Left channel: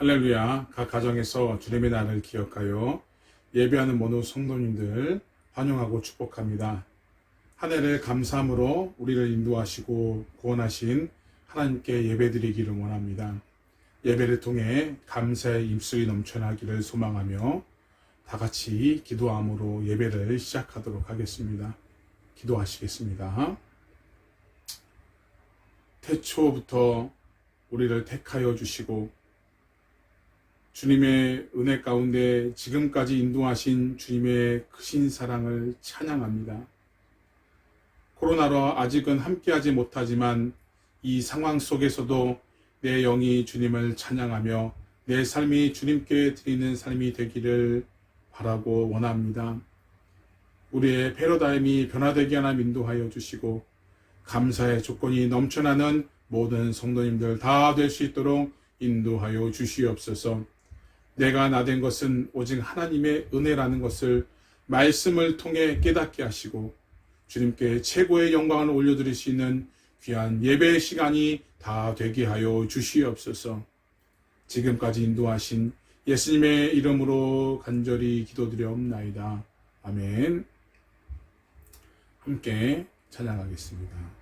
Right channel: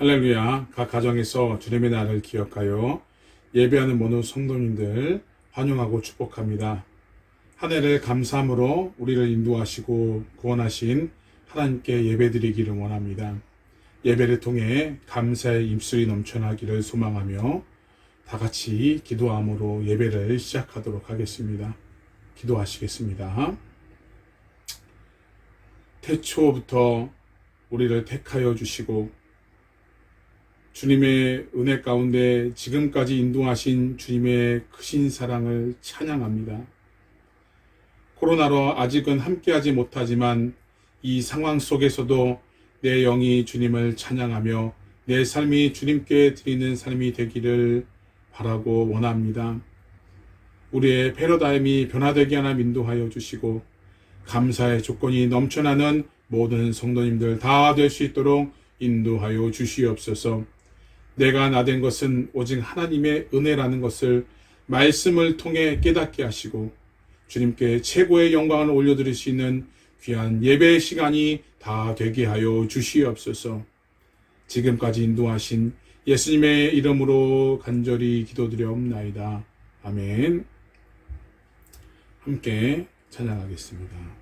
할렐루야. 각 가정에서 주님의 날을 기억하여 예배하는 모든 성도님들 환영하고 축복합니다. 한 해를 감사함으로 우리를 인도하시고 구원하신 하나님께 예배드리기를 원합니다. 예배를 통해 감사의 입술이 넘쳐나기를 소망하며 다 같이 기도함으로 예배를 시작하도록 하겠습니다. 기도하시겠습니다. 태초부터 우리를 택하여 주시고 주님의 은혜 가운데 지금까지 인도하신 주님의 크신 사랑을 찬양합니다. 코로나로 아직은 함께하지 못하지만 이 상황 속에서도 내 영이 주님을 찬양하며 내 삶이 주님께 드리는 삶이 되기를 바라고 원합니다. 우리의 패러다임이 변화되게 하나님 인도하여 주시고 감사의 조건이 넘쳐나는 모든 성도님들 다 될 수 있도록 인도하여 주시옵소서. 내가 나된 것은 오직 하나님의 은혜라는 것을 말씀을 통해 깨닫게 하시고 주님께 최고의 영광을 올려드릴 수 있는 귀한 예배의 시간이 다 되게 하여 주시옵소서. 지금까지 인도하신 예수님의 이름으로 간절히 기도드려옵나이다. 아멘. 함께 찬양하겠습니다.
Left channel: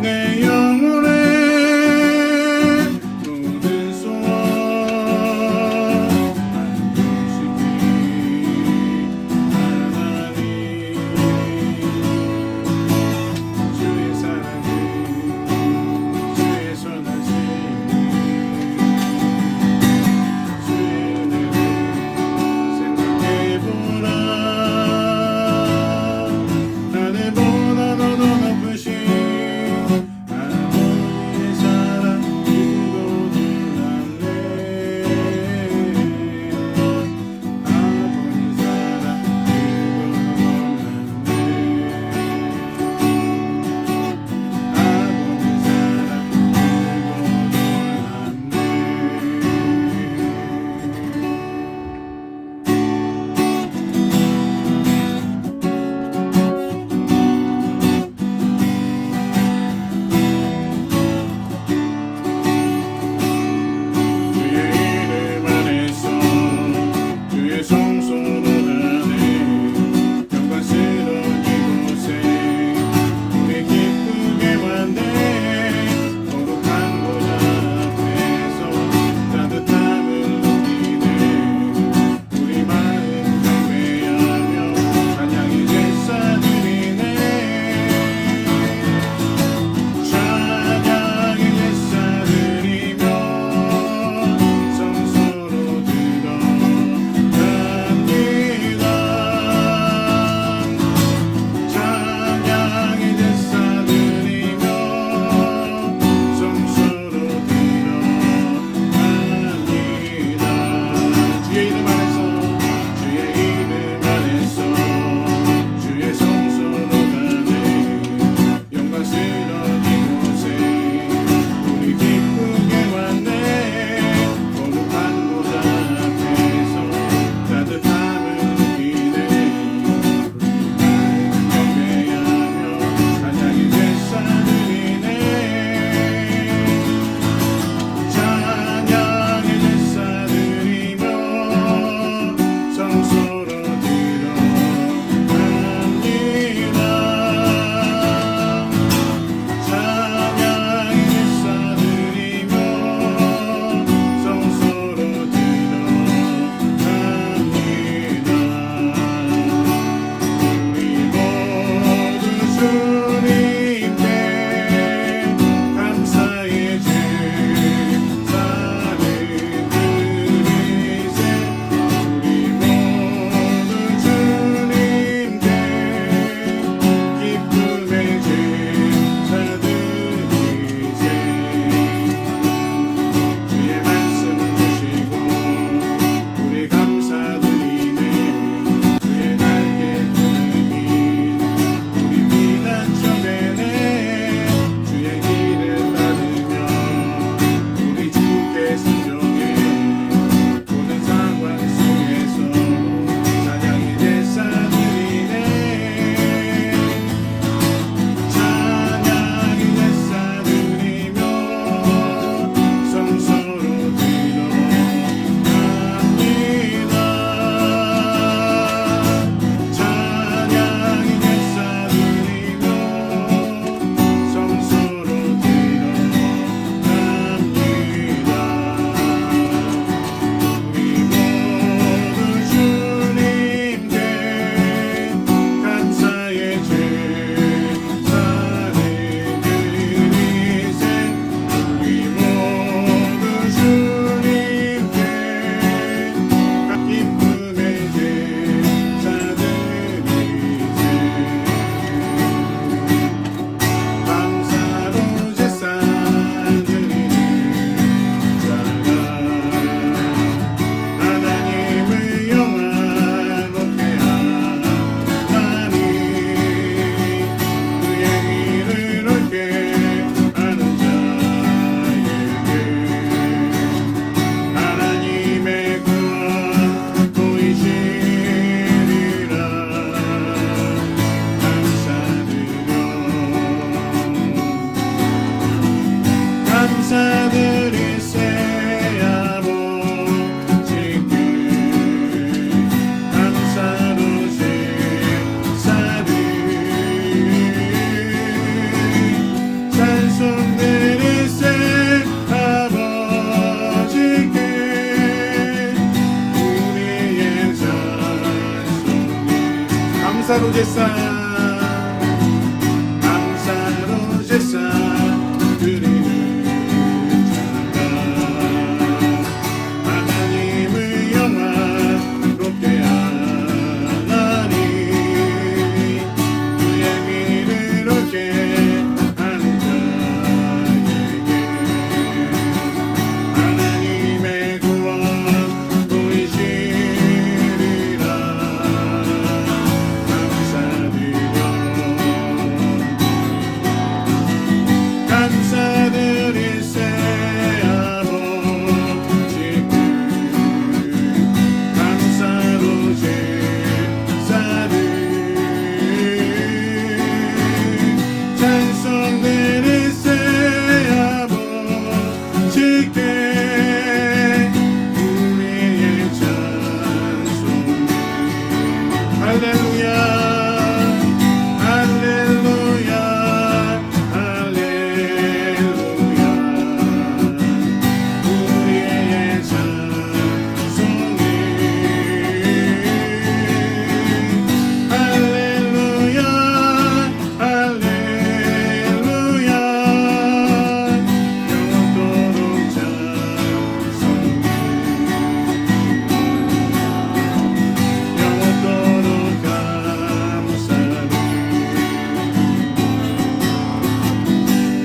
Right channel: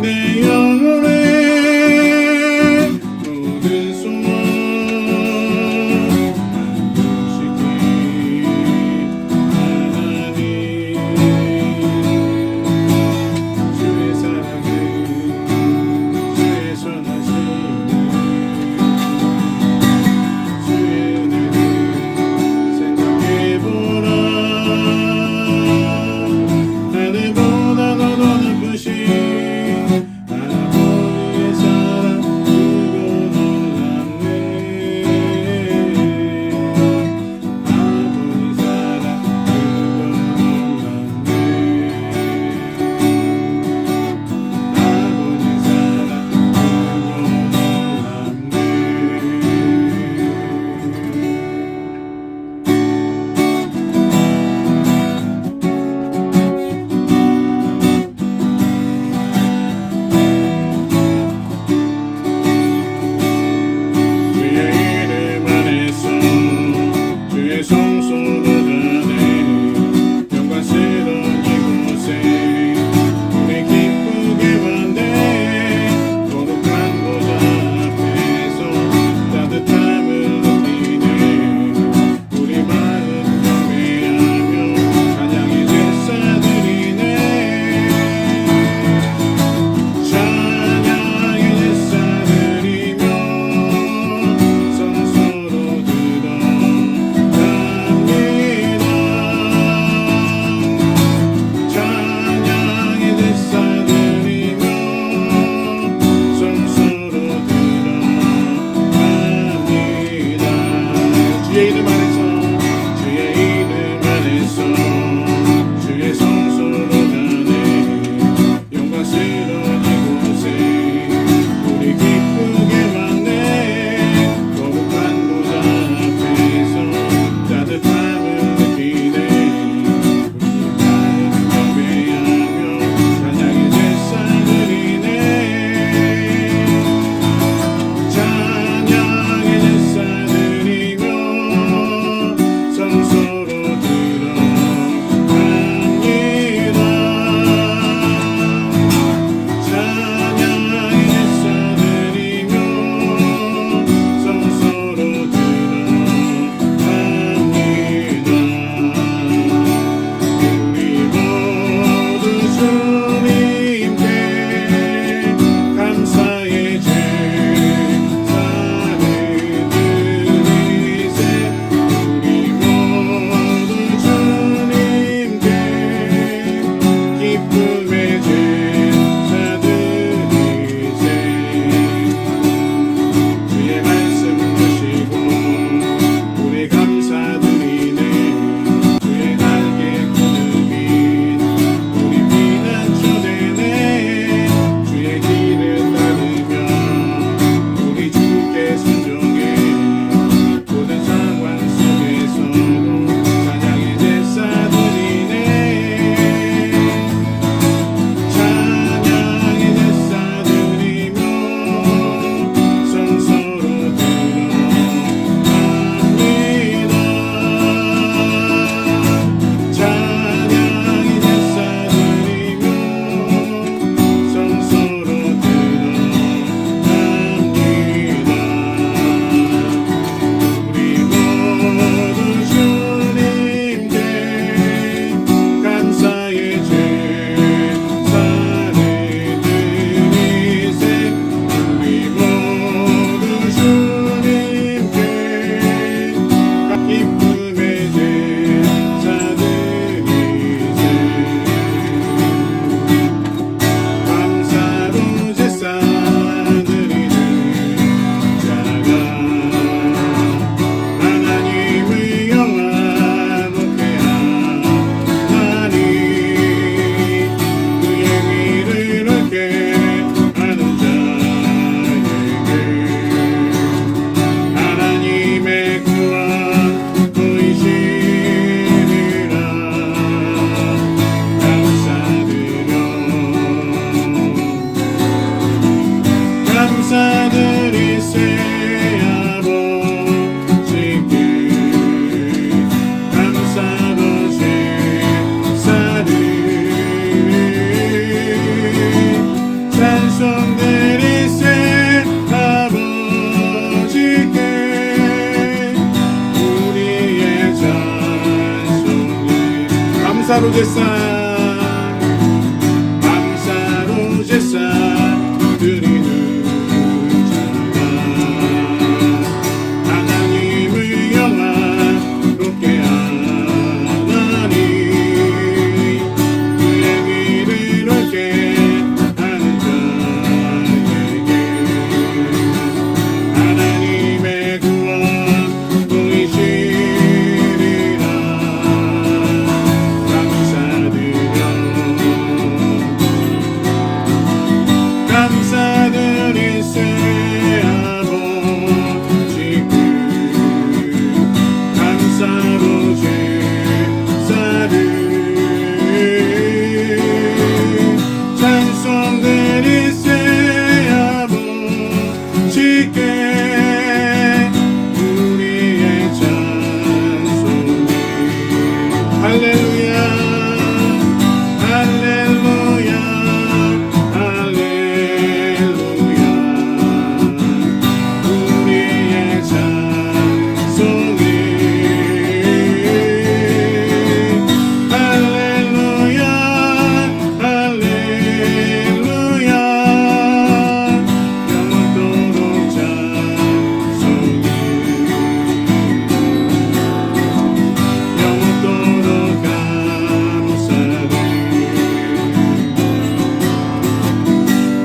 내 영혼에 감사로 제사 드리는 찬양 하나님의 영화롭게 하나니 그의 길을 얻게 하는 자에게 하나님의 구원 보이시리라 감사드리세 아버지께 감사로 제사를 찬송드리세 아버지께 우리의 찬송이 할렐루야 할렐루야 할렐루야 우리의 찬송이 할렐루야 할렐루야 영원토록 찬송이 영원토록 감사를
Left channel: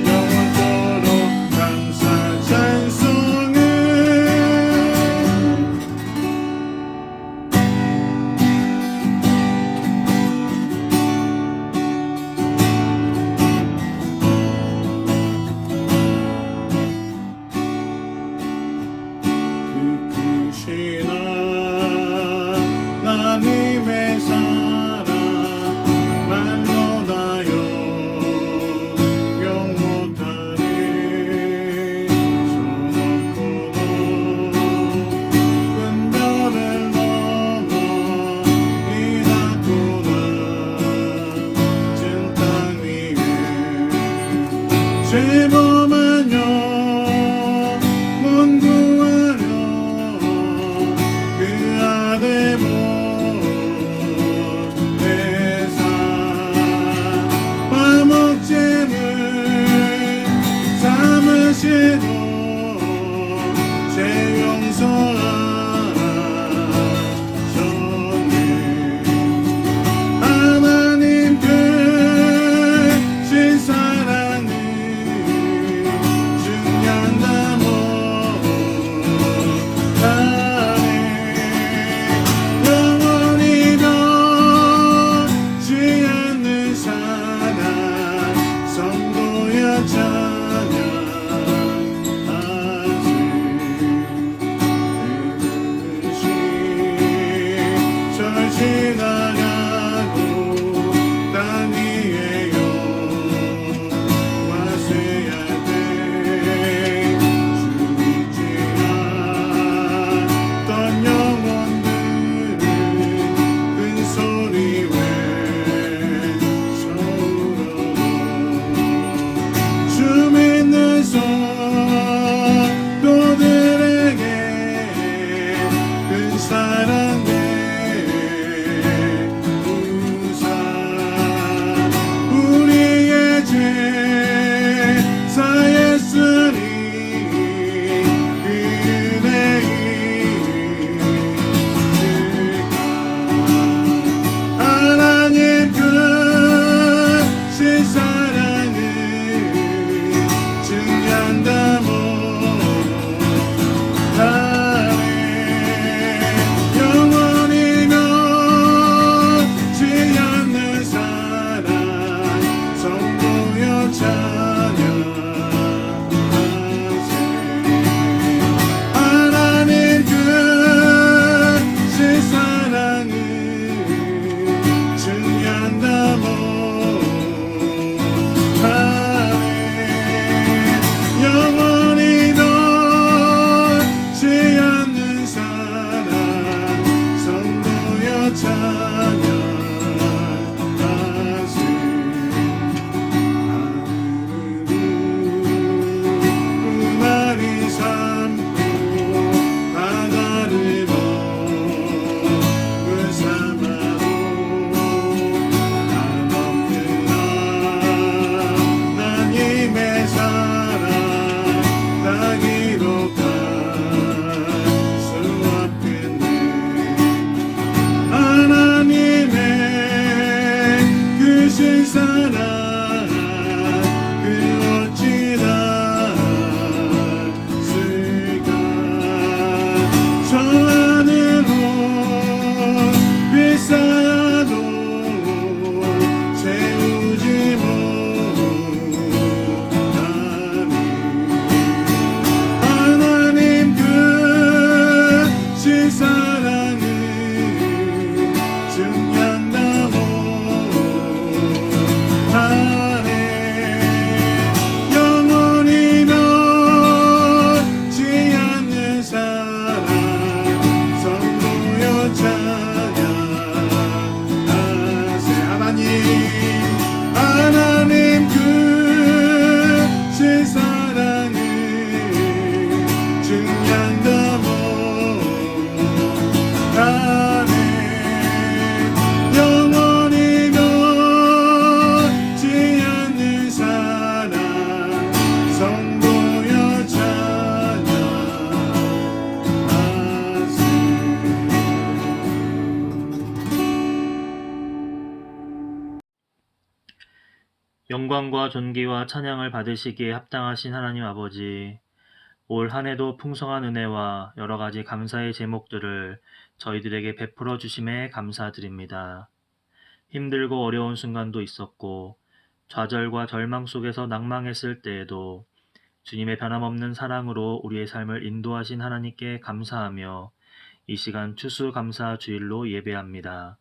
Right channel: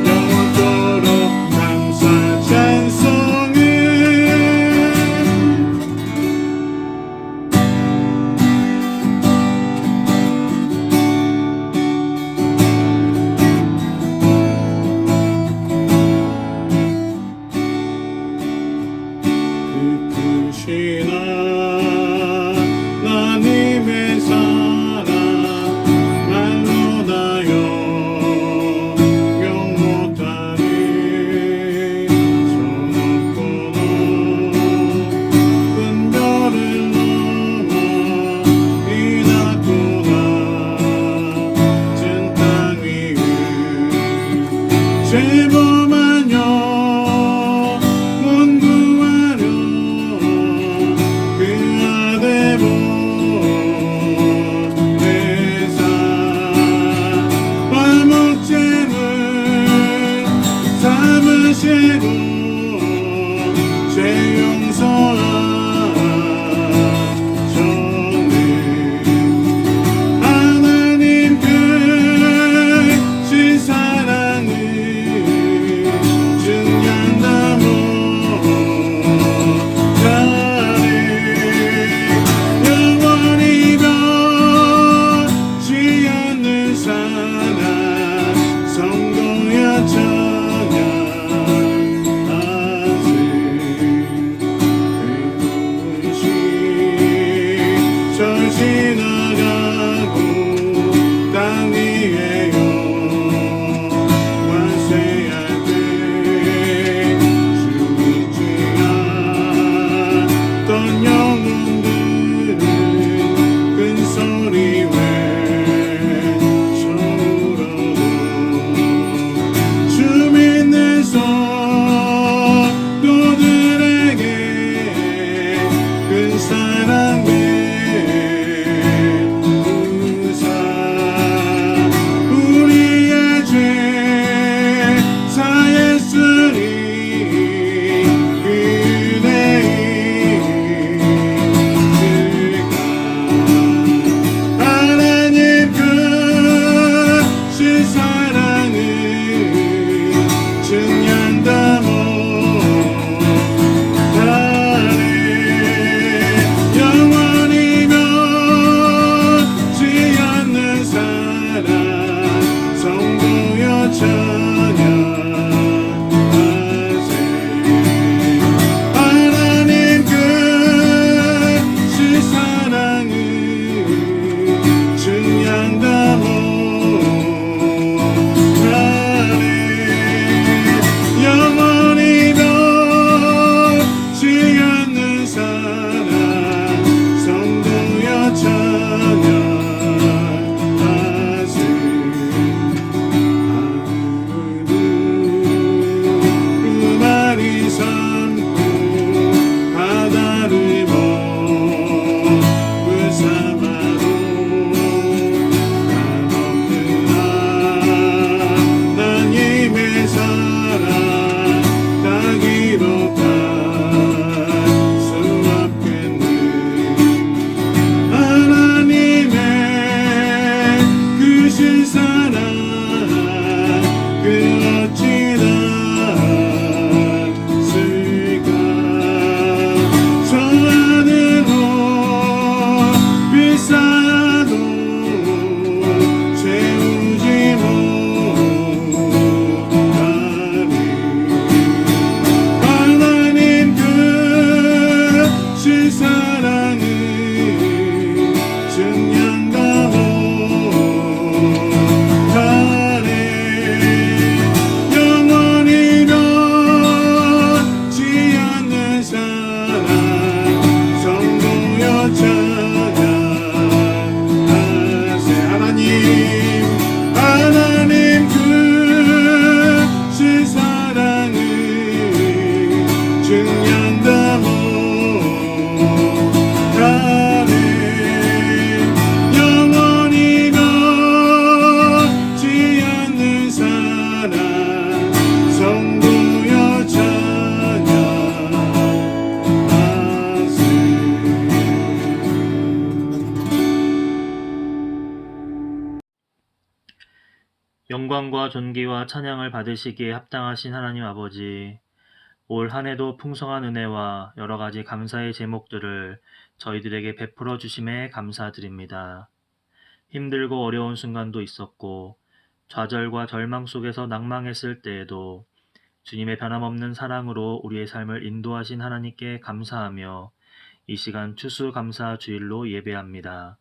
영원토록 감사 찬송을 그 크신 하나님의 사랑 말로 다 영영 못하네 저 높고 높은 별을 넘어 이 낮고 낮은 땅 위에 죄범한 영혼 구하려 그 아들 보내사 화목제물 삼으시고 죄 용서하셨네 하나님 크신 사랑을 증명다 못하네 영원히 변치 않는 사랑 성도여 찬양하세 그것이 절지나가고 땅 위에 영화 쇠하되 주 잊지 않던 영혼들은 큰 소리 외쳐울어도 주 영광과 존귀와 찬양을 받으시기에 합당하신 하나님 아버지, 올 한 해도 풍성한 은혜와 여러 가지 감사의 제목들을 저희들에게 베풀어 주심에 감사드립니다. 힘들고 어려운 순간도 있었고, 좌절과 절망 속에서 낭망했을 때에도 주님의 변함없는 사랑으로 우리의 삶을 인도하신 하나님께 감사하며 이 시간 추수감사 주일로 예배합니다.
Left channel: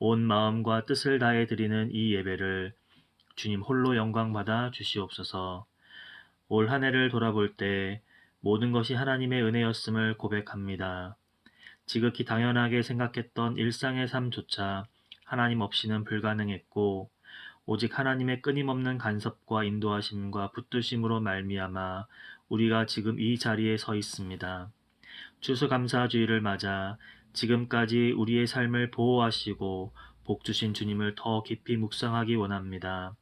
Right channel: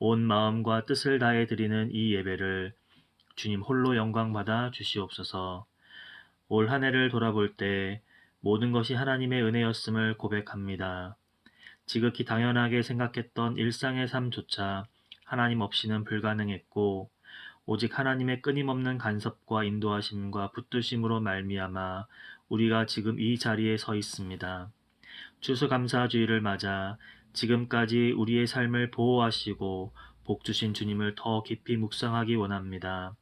온 마음과 뜻을 다해 드리는 이 예배를 주님 홀로 영광 받아 주시옵소서. 올 한 해를 돌아볼 때 모든 것이 하나님의 은혜였음을 고백합니다. 지극히 당연하게 생각했던 일상의 삶조차 하나님 없이는 불가능했고, 오직 하나님의 끊임없는 간섭과 인도하심과 붙드심으로 말미암아 우리가 지금 이 자리에 서 있습니다. 추수감사주의를 맞아 지금까지 우리의 삶을 보호하시고 복 주신 주님을 더 깊이 묵상하기 원합니다.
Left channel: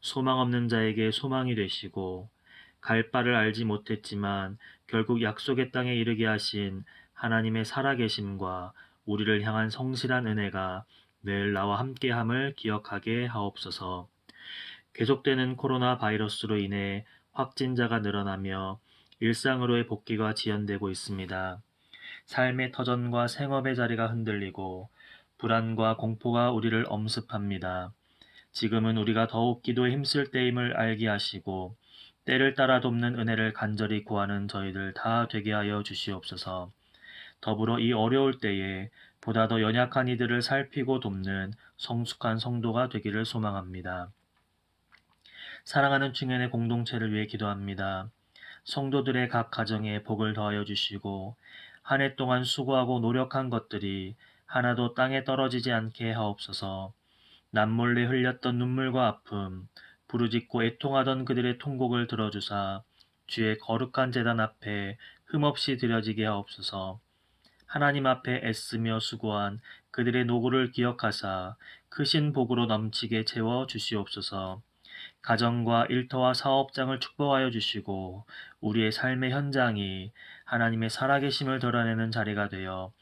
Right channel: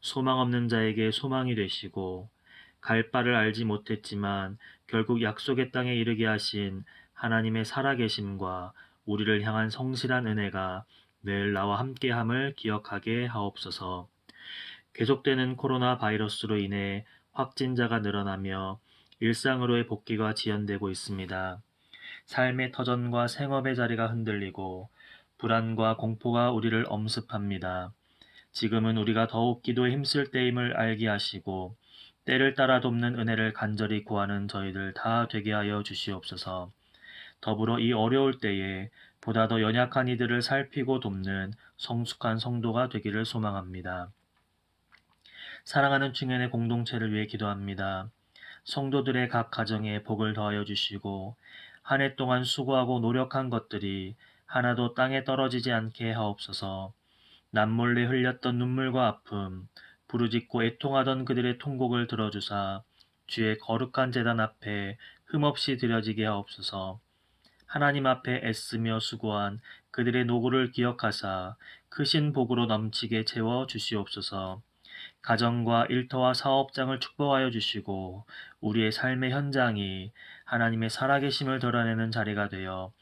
소망 없는 자에게 소망이 되시고, 갈 바를 알지 못했지만 결국 약속의 땅에 이르게 하신 하나님의 살아계심과 우리를 향한 성실한 은혜가 늘 나와 함께함을 기억하게 하옵소서. 계속되는 코로나 바이러스로 인해 확진자가 늘어나며 일상으로의 복귀가 지연되고 있습니다. 삶의 터전과 생업의 자리가 흔들리고 불안과 공포가 우리를 엄습합니다. 지금은 우리가 더욱 기도에 힘쓸 때임을 알게 하시고 때를 따라 돕는 은혜를 간절히 구하는 저희들 다 되게 하여 주시옵소서. 더불어 이 어려울 때에 보다 더 연약한 이들을 살피고 돕는 성숙한 성도가 되기를 소망합니다. 사랑하는 충현의 공동체를 위해 기도합니다. 성도들의 각 가정에 복을 더하여 주시고 한 해 동안 수고하고 노력한 것들이 하나도 땅에 떨어지지 않게 하옵소서. 남몰래 흘렸던 눈물과 아픔, 부르짖고 애통하던 그들의 통곡을 들어주사 주의 거룩한 제단 앞에 흠없이 드려지게 하옵소서. 하나님 앞에 애쓰며 수고한 그들의 노고를 기억하사 크신 복으로 넘치게 채워 주시옵소서. 가정과 일터와 사업장을 축복하여 주시고 우리의 삶의 현장이 하나님의 살아계심을 드러내는 자리가 되어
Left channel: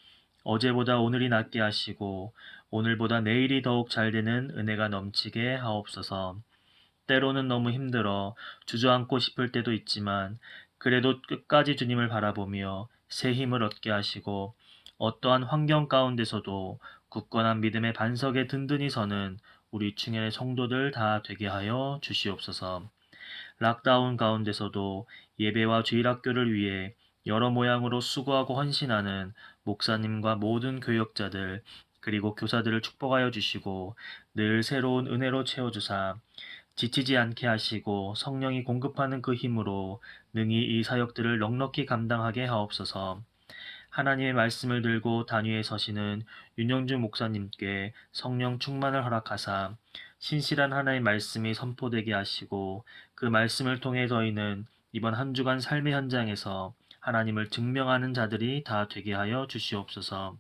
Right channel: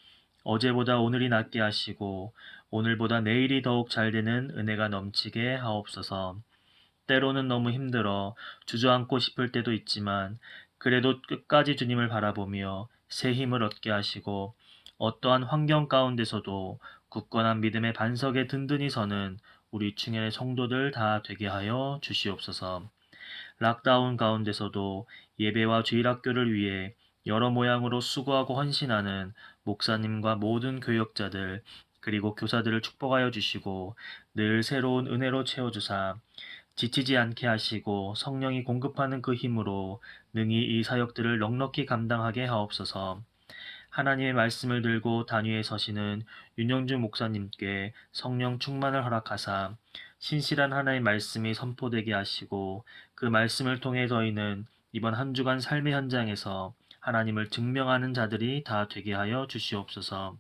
어제보다 오늘이 낫게 하시고 오늘보다 내일이 더욱 잘 되는 은혜가 넘치게 하옵소서. 때로는 너무 힘들어 주저앉고 싶을 때도 있지만 그래도 끝까지 주님을 바라보며 새 힘을 얻게 하시고 어떠한 환경 가운데서도 굳건한 믿음의 반석에 든든히 서는 우리 충현의 성도들 다 되게 하여 주시옵소서. 락다운 가운데서도 예배와 주일학교를 위해 여러 모양으로 수고하고 헌신하는 목사님과 모든 교역자들 그리고 교사들을 축복하여 주시고 늘 새로운 은혜로 채워주사 지치지 않게 하시고 성령이 공급하는 그 힘으로 능히 이 사역들을 넉넉히 감당하게 하옵소서. 하나님의 말씀을 들고 단위에 서시는 윤영주 목사님께 성령 충만을 허락하사 신실한 하나님의 말씀이 선포되게 하시고 그 말씀을 통해 저희는 이번 한 주간 삶의 현장에서 하나님을 증명하는 자들이 다 되게 하여 주시옵소서.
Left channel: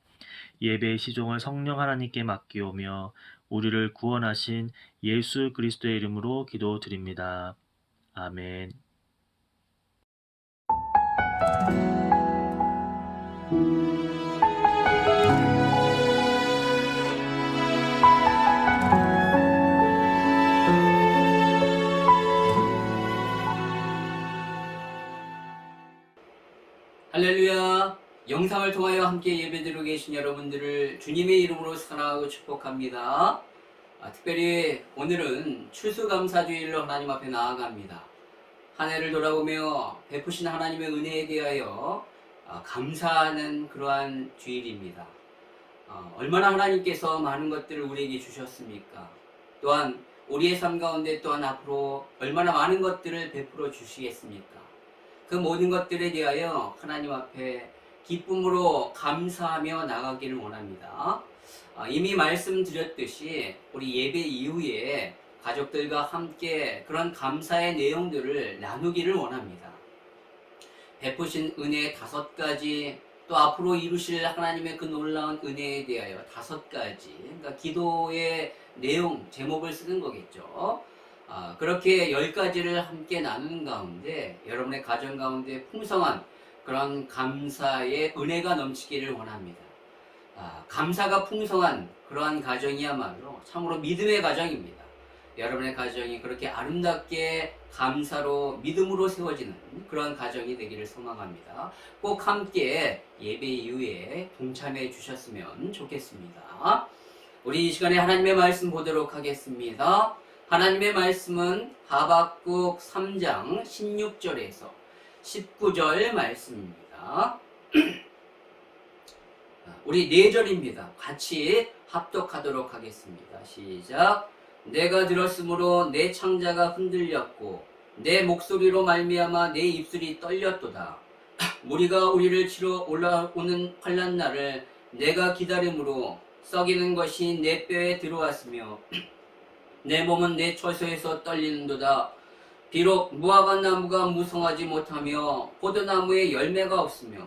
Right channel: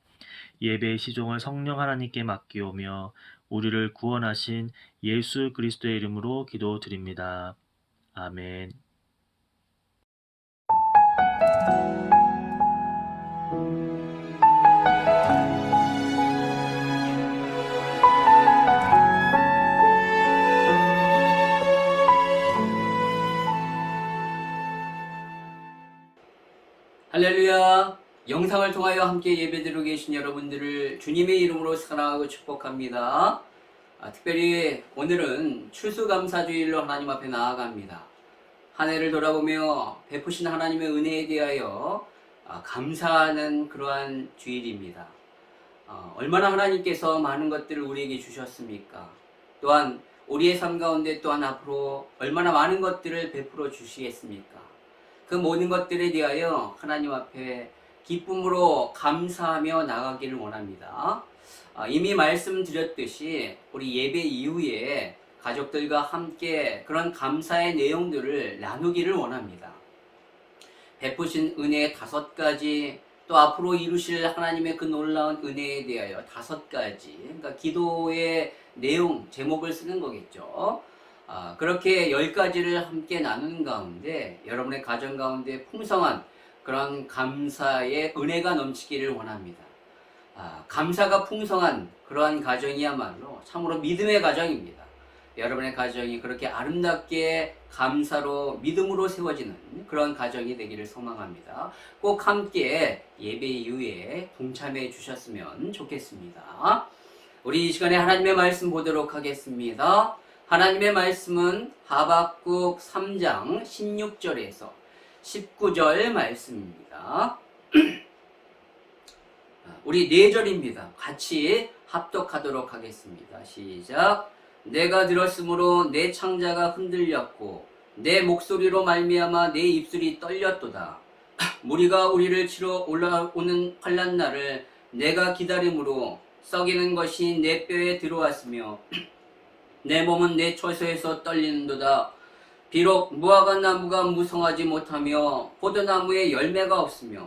예배의 시종을 성령 하나님께 맡기오며 우리를 구원하신 예수 그리스도의 이름으로 기도드립니다. 아멘. 할렐루야. 영상을 통하여 함께 예배드리고 계신 여러분들을 주님의 이름으로 사랑하고 축복합니다. 특별히 오늘은 추수감사주일로 하나님 앞에 나아갑니다. 한 해를 돌아보며 베푸신 하나님의 은혜에 대하여 감사하는 그러한 주일입니다. 얼마나 하나님께서 많은 것들을 우리에게 주셨습니까? 또한 우리의 삶 가운데 또한 앞으로 얼마나 많은 것들을 베풀어 주시겠습니까? 그 모든 것들에 대하여 하나님 앞에 기쁨으로 감사하며 나가기를 원합니다. 이미 말씀드렸듯이 우리 예배 이후에 가족들과 함께 그런 감사의 내용들을 나누기를 원합니다. 베푸신 은혜 5가지, 또 앞으로 이루실 하나님의 그 놀라운 은혜에 대하여 5가지, 그러니까 기도의 내용, 제목을 쓰는 거겠죠. 그렇게 10가지를 함께 나누는 가운데 여러분의 가정 가운데 풍성한 그런 감사의 은혜가 넘치기를 원합니다. 감사가 풍성한 그러한 가정이야말로 참으로 믿음의 가정입니다. 여러분의 가정이 그렇게 아름답게 감사로 믿음으로 세워지는 그런 가정이 되기를 소망합니다. 꼭 함께 예배 이후에 동참해 주셨으면 좋겠습니다. 우리 이 시간에 하나님의 말씀 보도록 하겠습니다. 하나님의 말씀은 하박국 3장 16절에서 19절 말씀입니다. 우리 4절입니다. 같이 합독하도록 하겠습니다. 시작. 내가 들었으므로 내 창자가 흔들렸고 내 목소리로 말미암아 내 입술이 떨렸도다. 무리가 우리를 치러 올라오는 환난 날을 내가 기다림으로 썩이는 것이 내 뼈에 들어왔으며 내 몸은 내 처소에서 떨리는도다. 비록 무화과 나무가 무성하지 못하며 포도나무에 열매가 없으며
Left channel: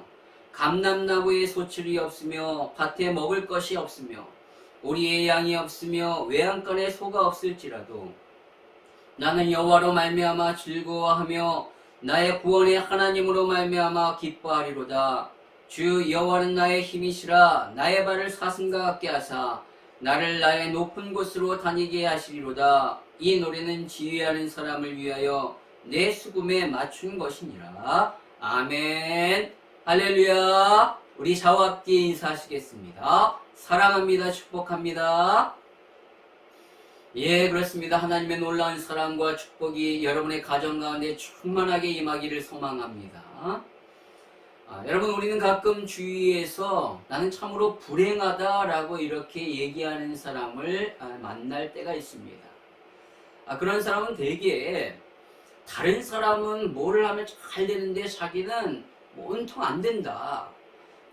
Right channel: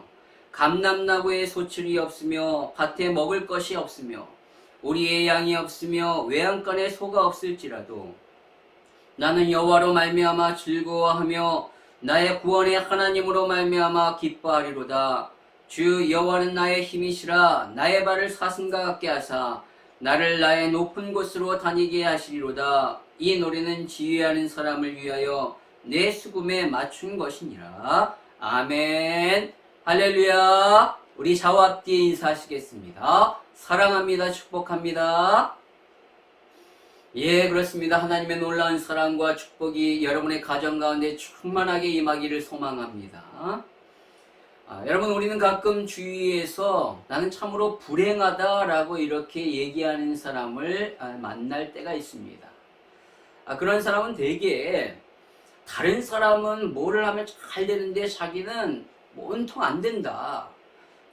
감람나무에 소출이 없으며 밭에 먹을 것이 없으며 우리의 양이 없으며 외양간에 소가 없을지라도 나는 여호와로 말미암아 즐거워하며 나의 구원의 하나님으로 말미암아 기뻐하리로다. 주 여호와는 나의 힘이시라. 나의 발을 사슴과 같게 하사 나를 나의 높은 곳으로 다니게 하시리로다. 이 노래는 지휘하는 사람을 위하여 내 수금에 맞춘 것이니라. 아멘. 할렐루야. 우리 좌우 앞뒤에 인사하시겠습니다. 사랑합니다. 축복합니다. 예, 그렇습니다. 하나님의 놀라운 사랑과 축복이 여러분의 가정 가운데 충만하게 임하기를 소망합니다. 여러분, 우리는 가끔 주위에서 나는 참으로 불행하다라고 이렇게 얘기하는 사람을 만날 때가 있습니다. 그런 사람은 되게 다른 사람은 뭐를 하면 잘 되는데 자기는 온통 안 된다.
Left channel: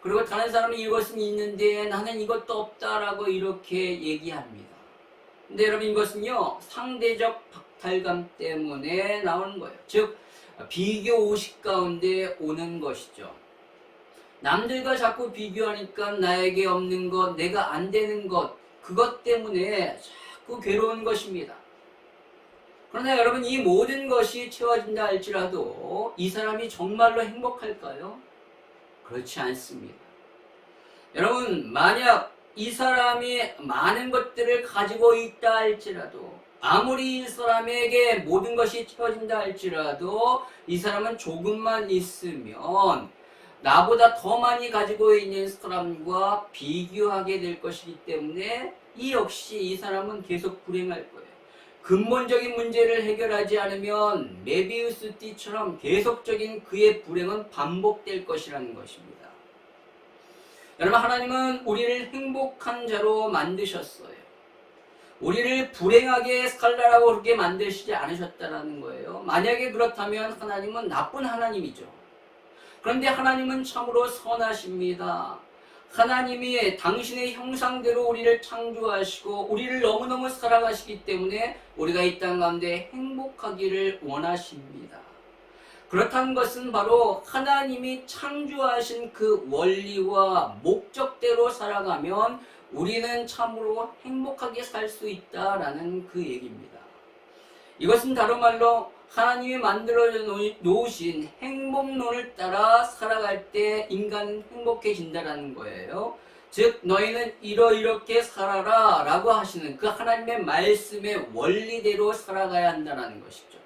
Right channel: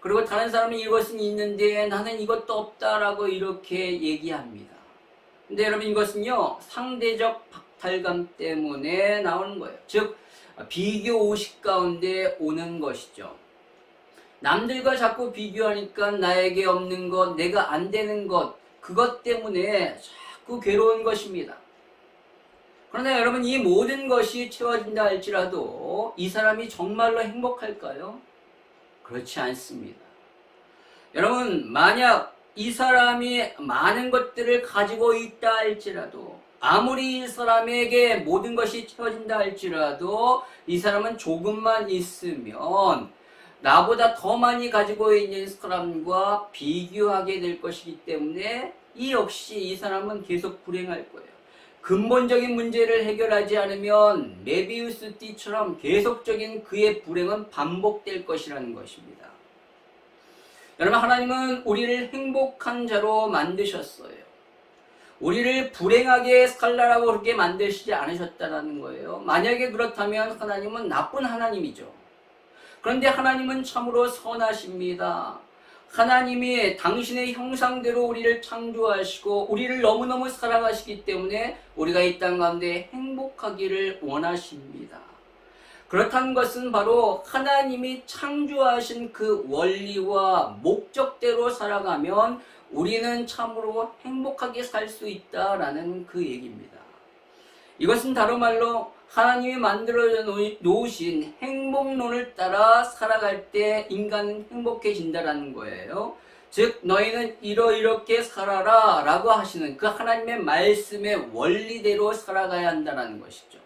그리고 다른 사람은 이것은 있는데 나는 이것도 없다라고 이렇게 얘기합니다. 근데 여러분, 이것은요 상대적 박탈감 때문에 나오는 거예요. 즉 비교 의식 가운데 오는 것이죠. 남들과 자꾸 비교하니까 나에게 없는 것, 내가 안 되는 것, 그것 때문에 자꾸 괴로운 것입니다. 그러나 여러분, 이 모든 것이 채워진다 할지라도 이 사람이 정말로 행복할까요? 그렇지 않습니다. 여러분, 만약 이 사람이 많은 것들을 가지고 있다 할지라도, 아무리 이 사람에게 모든 것이 채워진다 할지라도 이 사람은 조금만 있으면 나보다 더 많이 가지고 있는 사람과 비교하게 될 것이기 때문에 이 역시 이 사람은 계속 불행할 거예요. 근본적인 문제를 해결하지 않으면 메비우스 띠처럼 계속적인 그의 불행은 반복될 것이라는 것입니다. 여러분, 하나님은 우리를 행복한 자로 만드셨어요. 우리를 불행하게 살라라고 그렇게 만드시지 않으셨다는 거예요. 만약에 그렇다면 하나님은 나쁜 하나님이죠. 그런데 하나님은 참으로 선하십니다. 하나님이 당신의 형상대로 우리를 창조하시고 우리를 너무너무 사랑하시기 때문에 우리가 이 땅 가운데 행복하기를 원하십니다. 그렇다는 것은 바로 하나님이 창조하신 그 원리와 목적대로 살아가면 우리는 참으로 행복하게 살 수 있다라는 그 얘기입니다. 이것은 다른 말로 하나님이 만들어 놓으신 행복론을 따라 살아갈 때 인간은 행복해진다라는 거예요. 즉 너희는 이렇게 살아라 라고 하시는 그 하나님의 말씀의 원리대로 살아가야 한다는 것이죠.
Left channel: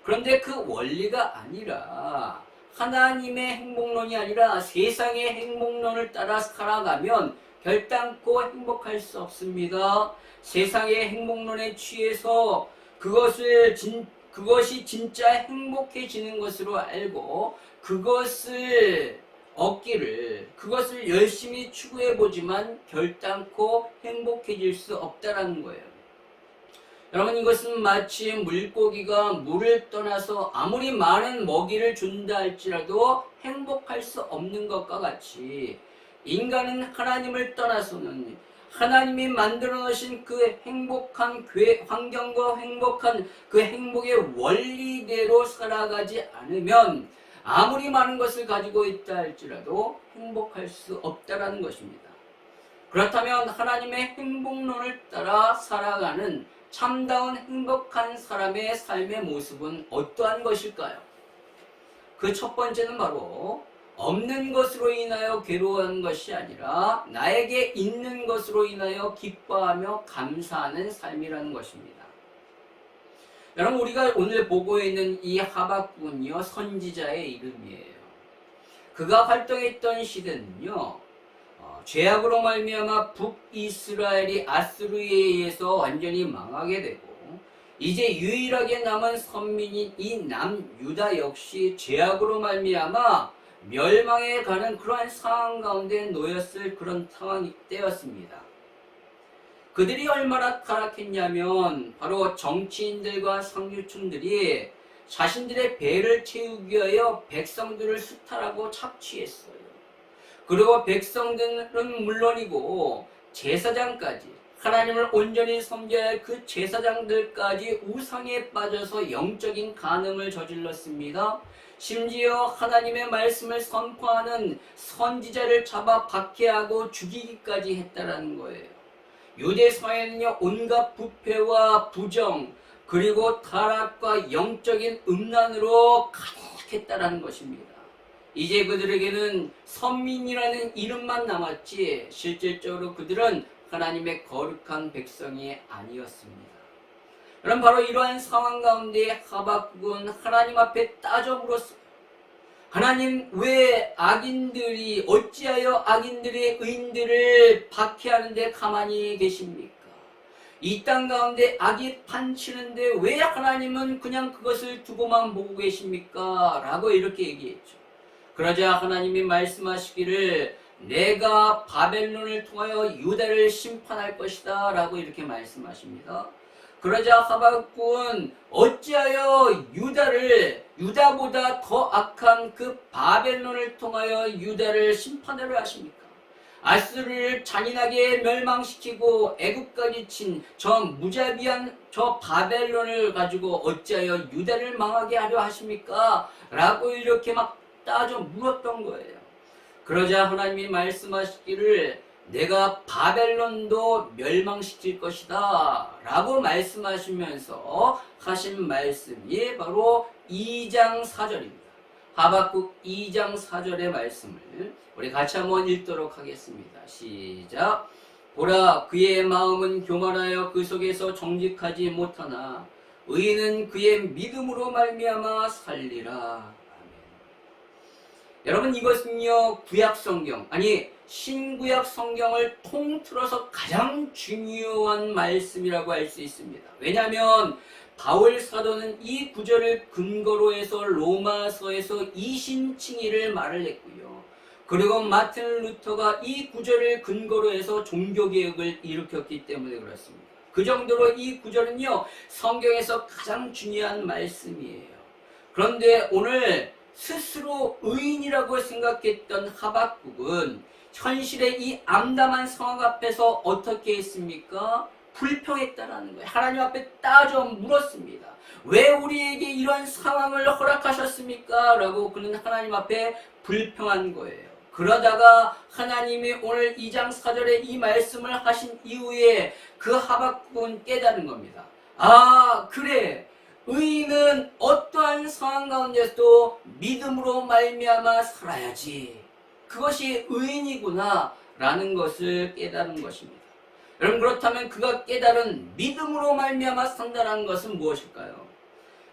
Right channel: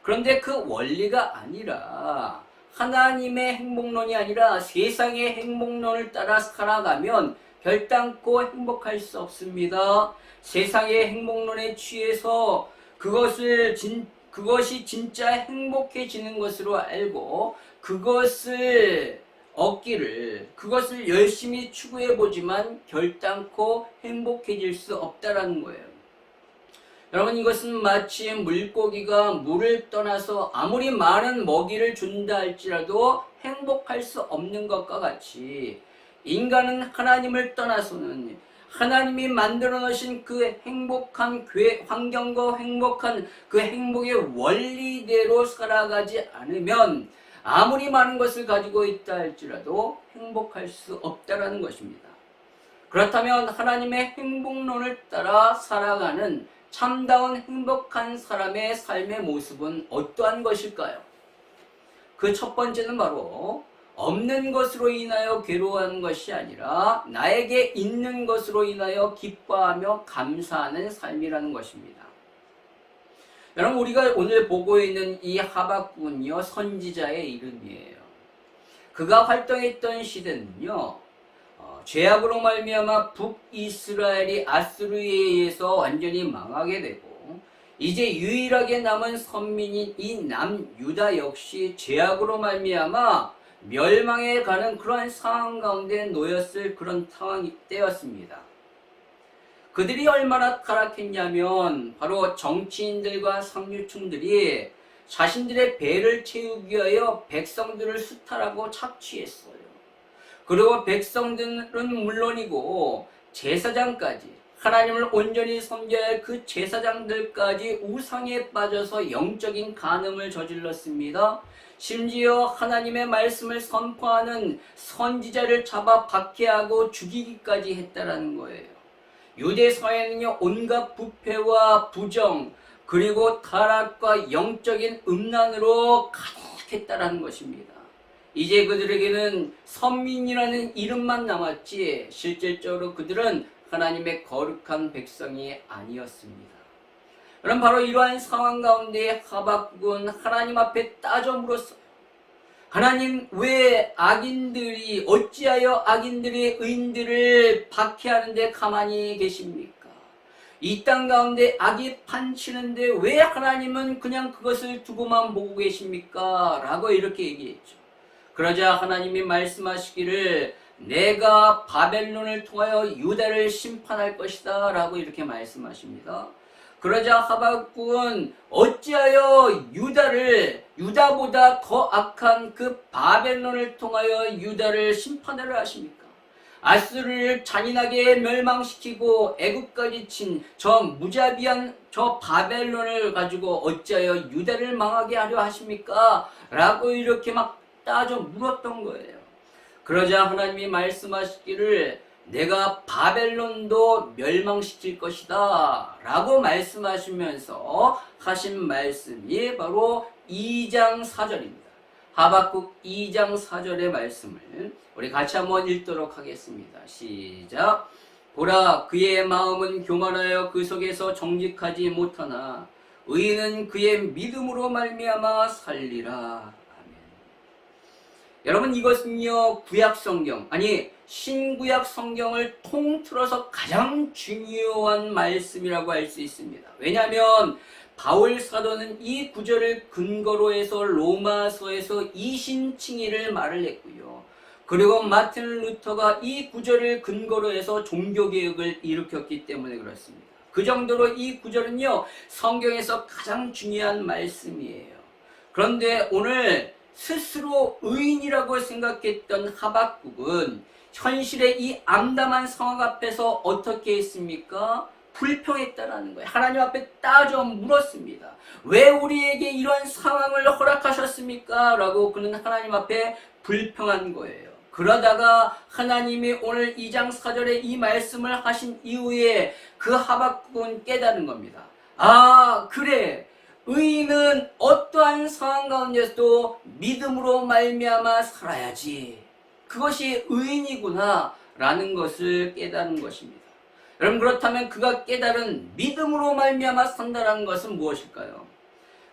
그런데 그 원리가 아니라 하나님의 행복론이 아니라 세상의 행복론을 따라 살아가면 결단코 행복할 수 없습니다. 세상의 행복론에 취해서 그것이 진짜 행복해지는 것으로 알고 그것을 얻기를, 그것을 열심히 추구해보지만 결단코 행복해질 수 없다라는 거예요. 여러분, 이것은 마치 물고기가 물을 떠나서 아무리 많은 먹이를 준다 할지라도 행복할 수 없는 것과 같이 인간은 하나님을 떠나서는 하나님이 만들어 놓으신 그 행복한 환경과 행복한 그 행복의 원리대로 살아가지 않으면 아무리 많은 것을 가지고 있다 할지라도 행복할 수 없다라는 것입니다. 그렇다면 하나님의 행복론을 따라 살아가는 참다운 행복한 사람의 삶의 모습은 어떠한 것일까요? 그 첫 번째는 바로 없는 것으로 인하여 괴로워하는 것이 아니라 나에게 있는 것으로 인하여 기뻐하며 감사하는 삶이라는 것입니다. 여러분, 우리가 오늘 보고 있는 이 하박국은요, 선지자의 이름이에요. 그가 활동했던 시대는요, 죄악으로 말미암아 북이스라엘이 아수르에 의해서 완전히 망하게 되고, 이제 유일하게 남은 선민인 이 남유다 역시 죄악으로 말미암아 멸망에 가는 그러한 상황 가운데 놓였을 그런 상황이 때였습니다. 그들이 얼마나 타락했냐면 바로 정치인들과 상류층들이 자신들의 배를 채우기 위하여 백성들을 수탈하고 착취했어요. 그리고 백성들은 물론이고 제사장까지, 하나님을 온전히 섬겨야 할 그 제사장들까지 우상에 빠져서 영적인 간음을 저질렀습니다. 심지어 하나님의 말씀을 선포하는 선지자를 잡아 박해하고 죽이기까지 했다라는 거예요. 유대 사회는요, 온갖 부패와 부정, 그리고 타락과 영적인 음란으로 가득했다라는 것입니다. 이제 그들에게는 선민이라는 이름만 남았지 실질적으로 그들은 하나님의 거룩한 백성이 아니었습니다. 그럼 바로 이러한 상황 가운데 하박국은 하나님 앞에 따져 물었어요. 하나님, 왜 악인들이, 어찌하여 악인들이 의인들을 박해하는데 가만히 계십니까? 이 땅 가운데 악이 판치는데 왜 하나님은 그냥 그것을 두고만 보고 계십니까? 라고 이렇게 얘기했죠. 그러자 하나님이 말씀하시기를 내가 바벨론을 통하여 유다를 심판할 것이다 라고 이렇게 말씀하십니다. 그러자 하박국은 어찌하여 유다보다 더 악한 그 바벨론을 통하여 유다를 심판하려 하십니까? 아수르를 잔인하게 멸망시키고 애국까지 친 저 무자비한 저 바벨론을 가지고 어찌하여 유다를 망하게 하려 하십니까? 라고 이렇게 막 따져 물었던 거예요. 그러자 하나님이 말씀하시기를 내가 바벨론도 멸망시킬 것이다 라고 말씀하시면서 하신 말씀이 바로 2장 4절입니다. 하박국 2장 4절의 말씀을 우리 같이 한번 읽도록 하겠습니다. 시작. 보라, 그의 마음은 교만하여 그 속에서 정직하지 못하나 의인은 그의 믿음으로 말미암아 살리라. 여러분, 이것은요, 구약 성경, 아니 신구약 성경을 통틀어서 가장 중요한 말씀이라고 할 수 있습니다. 왜냐하면 바울 사도는 이 구절을 근거로 해서 로마서에서 이신칭의를 말을 했고요. 그리고 마틴 루터가 이 구절을 근거로 해서 종교개혁을 일으켰기 때문에 그렇습니다. 그 정도로 이 구절은요, 성경에서 가장 중요한 말씀이에요. 그런데 오늘 스스로 의인이라고 생각했던 하박국은 현실의 이 암담한 상황 앞에서 어떻게 했습니까? 불평했다라는 거예요. 하나님 앞에 따져 물었습니다. 왜 우리에게 이런 상황을 허락하셨습니까? 라고 그는 하나님 앞에 불평한 거예요. 그러다가 하나님이 오늘 2장 4절에 이 말씀을 하신 이후에 그 하박국은 깨달은 겁니다. 아, 그래. 의인은 어떠한 상황 가운데서도 믿음으로 말미암아 살아야지. 그것이 의인이구나 라는 것을 깨달은 것입니다. 여러분, 그렇다면 그가 깨달은 믿음으로 말미암아 산다는 것은 무엇일까요?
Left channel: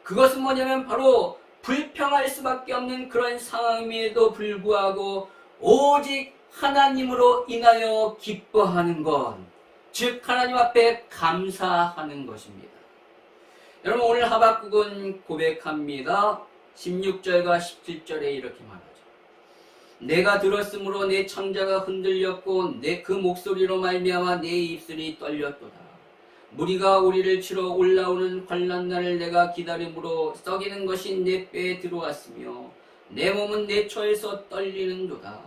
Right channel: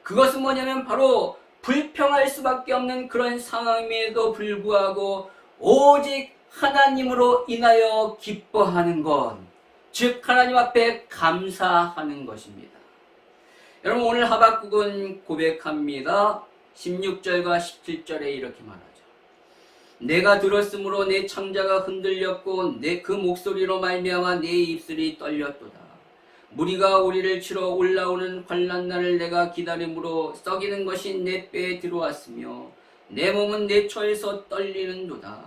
그것은 뭐냐면 바로 불평할 수밖에 없는 그런 상황임에도 불구하고 오직 하나님으로 인하여 기뻐하는 것, 즉 하나님 앞에 감사하는 것입니다. 여러분, 오늘 하박국은 고백합니다. 16절과 17절에 이렇게 말하죠. 내가 들었으므로 내 창자가 흔들렸고 내 그 목소리로 말미암아 내 입술이 떨렸도다. 무리가 우리를 치러 올라오는 환난날을 내가 기다림으로 썩이는 것이 내 뼈에 들어왔으며 내 몸은 내 처에서 떨리는도다.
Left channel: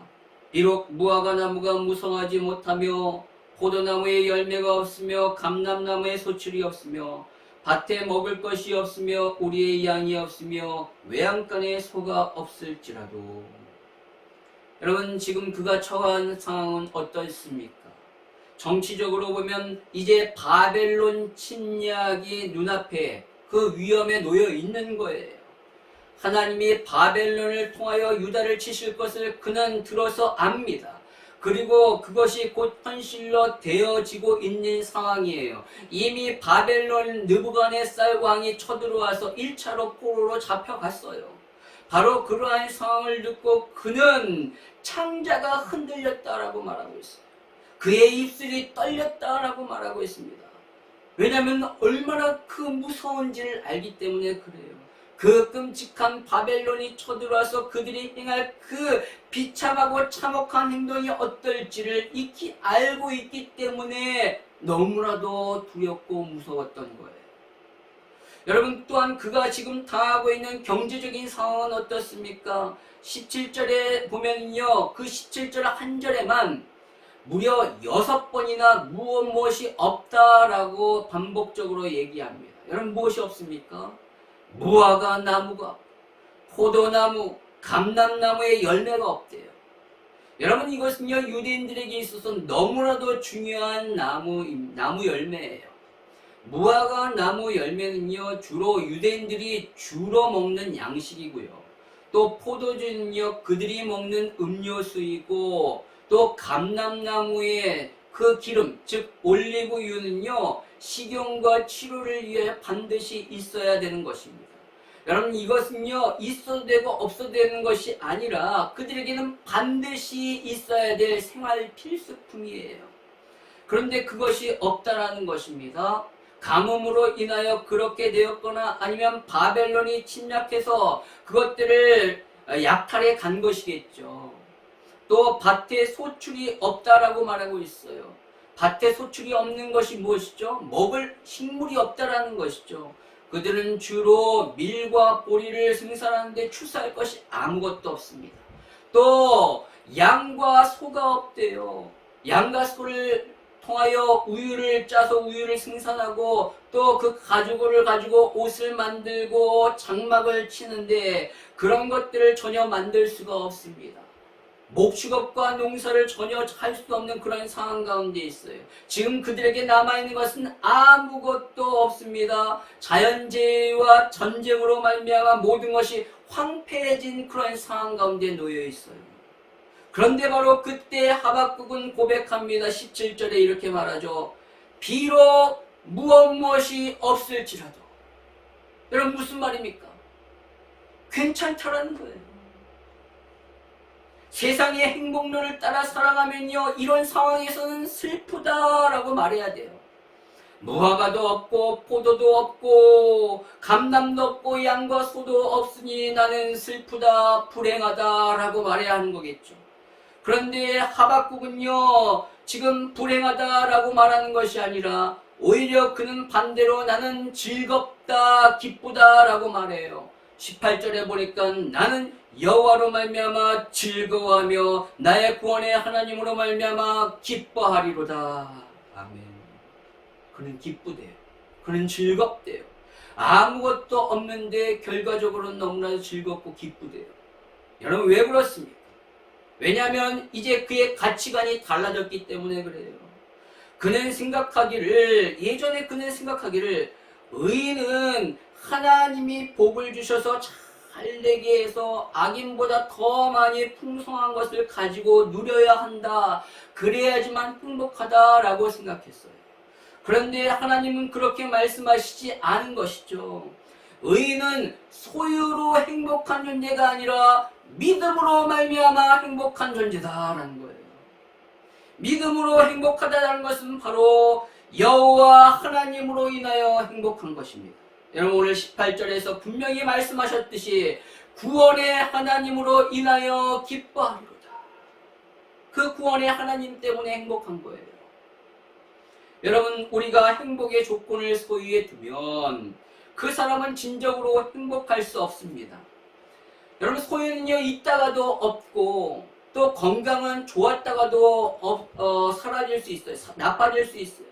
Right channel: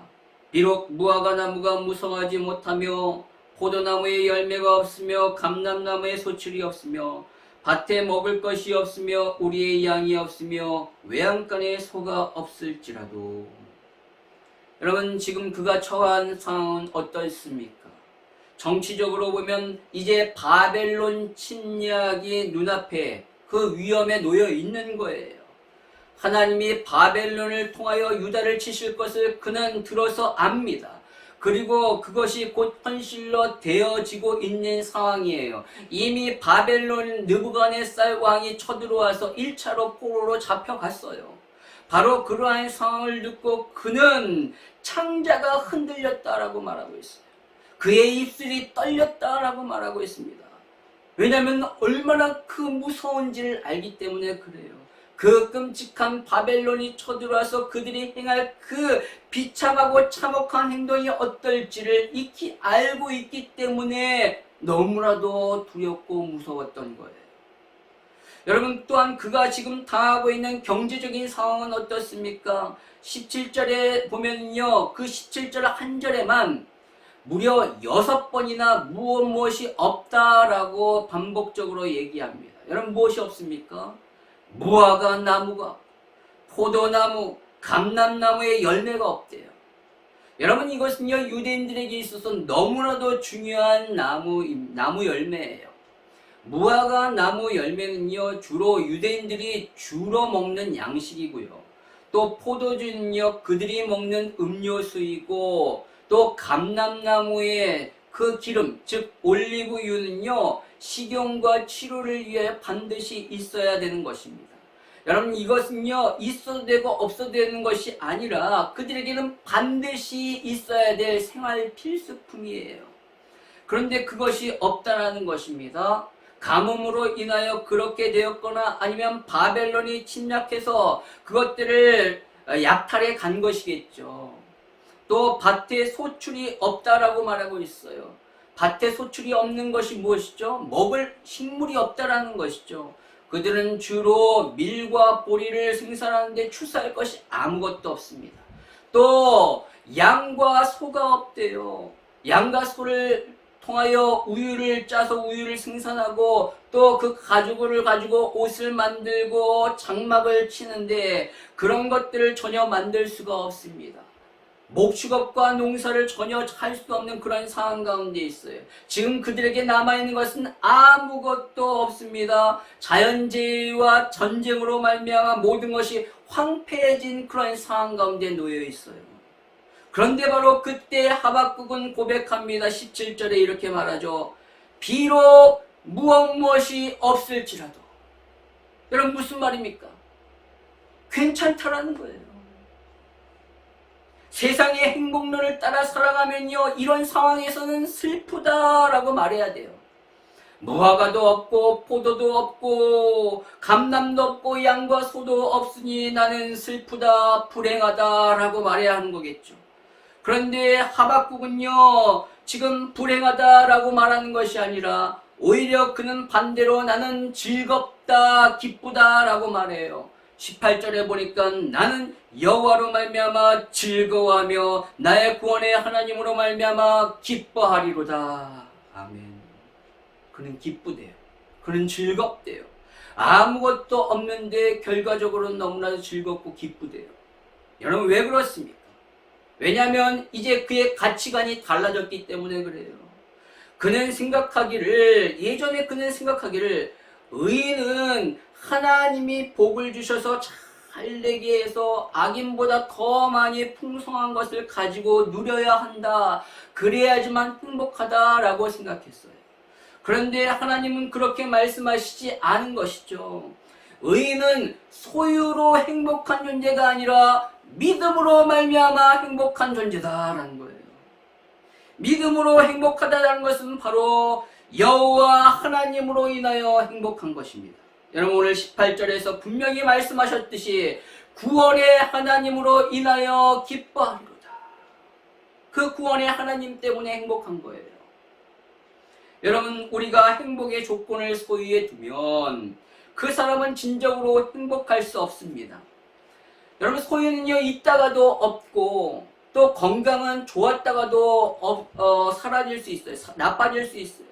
비록 무화과 나무가 무성하지 못하며 포도나무에 열매가 없으며 감람나무에 소출이 없으며 밭에 먹을 것이 없으며 우리의 양이 없으며 외양간에 소가 없을지라도. 여러분, 지금 그가 처한 상황은 어떻습니까? 정치적으로 보면 이제 바벨론 침략이 눈앞에 그 위험에 놓여 있는 거예요. 하나님이 바벨론을 통하여 유다를 치실 것을 그는 들어서 압니다. 그리고 그것이 곧 현실로 되어지고 있는 상황이에요. 이미 바벨론 느부갓네살 왕이 쳐들어와서 1차로 포로로 잡혀갔어요. 바로 그러한 상황을 듣고 그는 창자가 흔들렸다라고 말하고 있어요. 그의 입술이 떨렸다라고 말하고 있습니다. 왜냐하면 얼마나 그 무서운지를 알기 때문에 그래요. 그 끔찍한 바벨론이 쳐들어와서 그들이 행할 그 비참하고 참혹한 행동이 어떨지를 익히 알고 있기 때문에 너무나도 두렵고 무서웠던 거예요. 여러분, 또한 그가 지금 당하고 있는 경제적인 상황은 어떻습니까? 17절에 보면요, 그 17절 한 절에만 무려 6번이나 무엇이 없다라고 반복적으로 얘기합니다. 여러분, 무엇이 없습니까? 무화과 나무가, 포도나무, 감람나무의 열매가 없대요. 여러분, 이것은요, 유대인들에게 있어서 너무나도 중요한 나무 열매예요. 무화과 나무 열매는요, 주로 유대인들이 주로 먹는 양식이고요. 또 포도주는요, 그들이 먹는 음료수이고, 또 감람나무의 그 기름, 즉 올리브유는요, 식용과 치료를 위해 반드시 있어야 되는 것입니다. 여러분, 이것은요, 있어도 되고 없어도 되는 것이 아니라 그들에게는 반드시 있어야 될 생활 필수품이에요. 그런데 그것이 없다라는 것입니다. 가뭄으로 인하여 그렇게 되었거나 아니면 바벨론이 침략해서 그것들을 약탈해 간 것이겠죠. 또 밭에 소출이 없다라고 말하고 있어요. 밭에 소출이 없는 것이 무엇이죠? 먹을 식물이 없다라는 것이죠. 그들은 주로 밀과 보리를 생산하는데 출사할 것이 아무것도 없습니다. 또 양과 소가 없대요. 양과 소를 통하여 우유를 짜서 우유를 생산하고 또 그 가죽을 가지고 옷을 만들고 장막을 치는데 그런 것들을 전혀 만들 수가 없습니다. 목축업과 농사를 전혀 할 수 없는 그런 상황 가운데 있어요. 지금 그들에게 남아있는 것은 아무것도 없습니다. 자연재해와 전쟁으로 말미암아 모든 것이 황폐해진 그런 상황 가운데 놓여 있어요. 그런데 바로 그때 하박국은 고백합니다. 17절에 이렇게 말하죠. 비록 무엇이 없을지라도. 여러분, 무슨 말입니까? 괜찮다라는 거예요. 세상의 행복론을 따라 살아가면요, 이런 상황에서는 슬프다라고 말해야 돼요. 무화과도 없고 포도도 없고 감람도 없고 양과 소도 없으니 나는 슬프다 불행하다라고 말해야 하는 거겠죠. 그런데 하박국은요, 지금 불행하다라고 말하는 것이 아니라 오히려 그는 반대로 나는 즐겁다 기쁘다라고 말해요. 18절에 보니까 나는 여호와로 말미암아 즐거워하며 나의 구원의 하나님으로 말미암아 기뻐하리로다. 아멘. 그는 기쁘대요. 그는 즐겁대요. 아무것도 없는데 결과적으로 너무나도 즐겁고 기쁘대요. 여러분, 왜 그렇습니까? 왜냐하면 이제 그의 가치관이 달라졌기 때문에 그래요. 예전에 그는 생각하기를 의인은 하나님이 복을 주셔서 잘 되게 해서 악인보다 더 많이 풍성한 것을 가지고 누려야 한다. 그래야지만 행복하다라고 생각했어요. 그런데 하나님은 그렇게 말씀하시지 않은 것이죠. 의인은 소유로 행복한 존재가 아니라 믿음으로 말미암아 행복한 존재다라는 거예요. 믿음으로 행복하다는 것은 바로 여호와 하나님으로 인하여 행복한 것입니다. 여러분, 오늘 18절에서 분명히 말씀하셨듯이 구원의 하나님으로 인하여 기뻐하리로다. 그 구원의 하나님 때문에 행복한 거예요. 여러분, 우리가 행복의 조건을 소유해 두면 그 사람은 진정으로 행복할 수 없습니다. 여러분, 소유는요, 있다가도 없고 또 건강은 좋았다가도 사라질 수 있어요. 나빠질 수 있어요.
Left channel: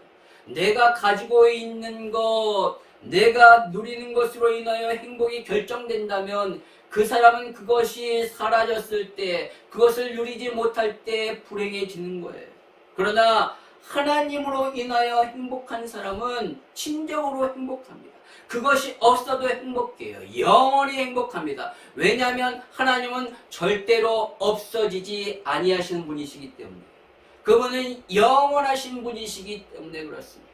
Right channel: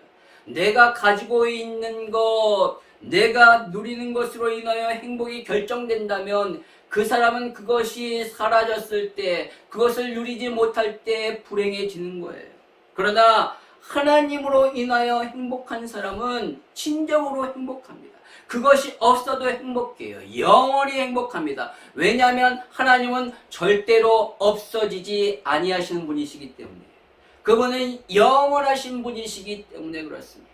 내가 가지고 있는 것, 내가 누리는 것으로 인하여 행복이 결정된다면 그 사람은 그것이 사라졌을 때, 그것을 누리지 못할 때 불행해지는 거예요. 그러나 하나님으로 인하여 행복한 사람은 진정으로 행복합니다. 그것이 없어도 행복해요. 영원히 행복합니다. 왜냐하면 하나님은 절대로 없어지지 아니하시는 분이시기 때문에. 그분은 영원하신 분이시기 때문에 그렇습니다.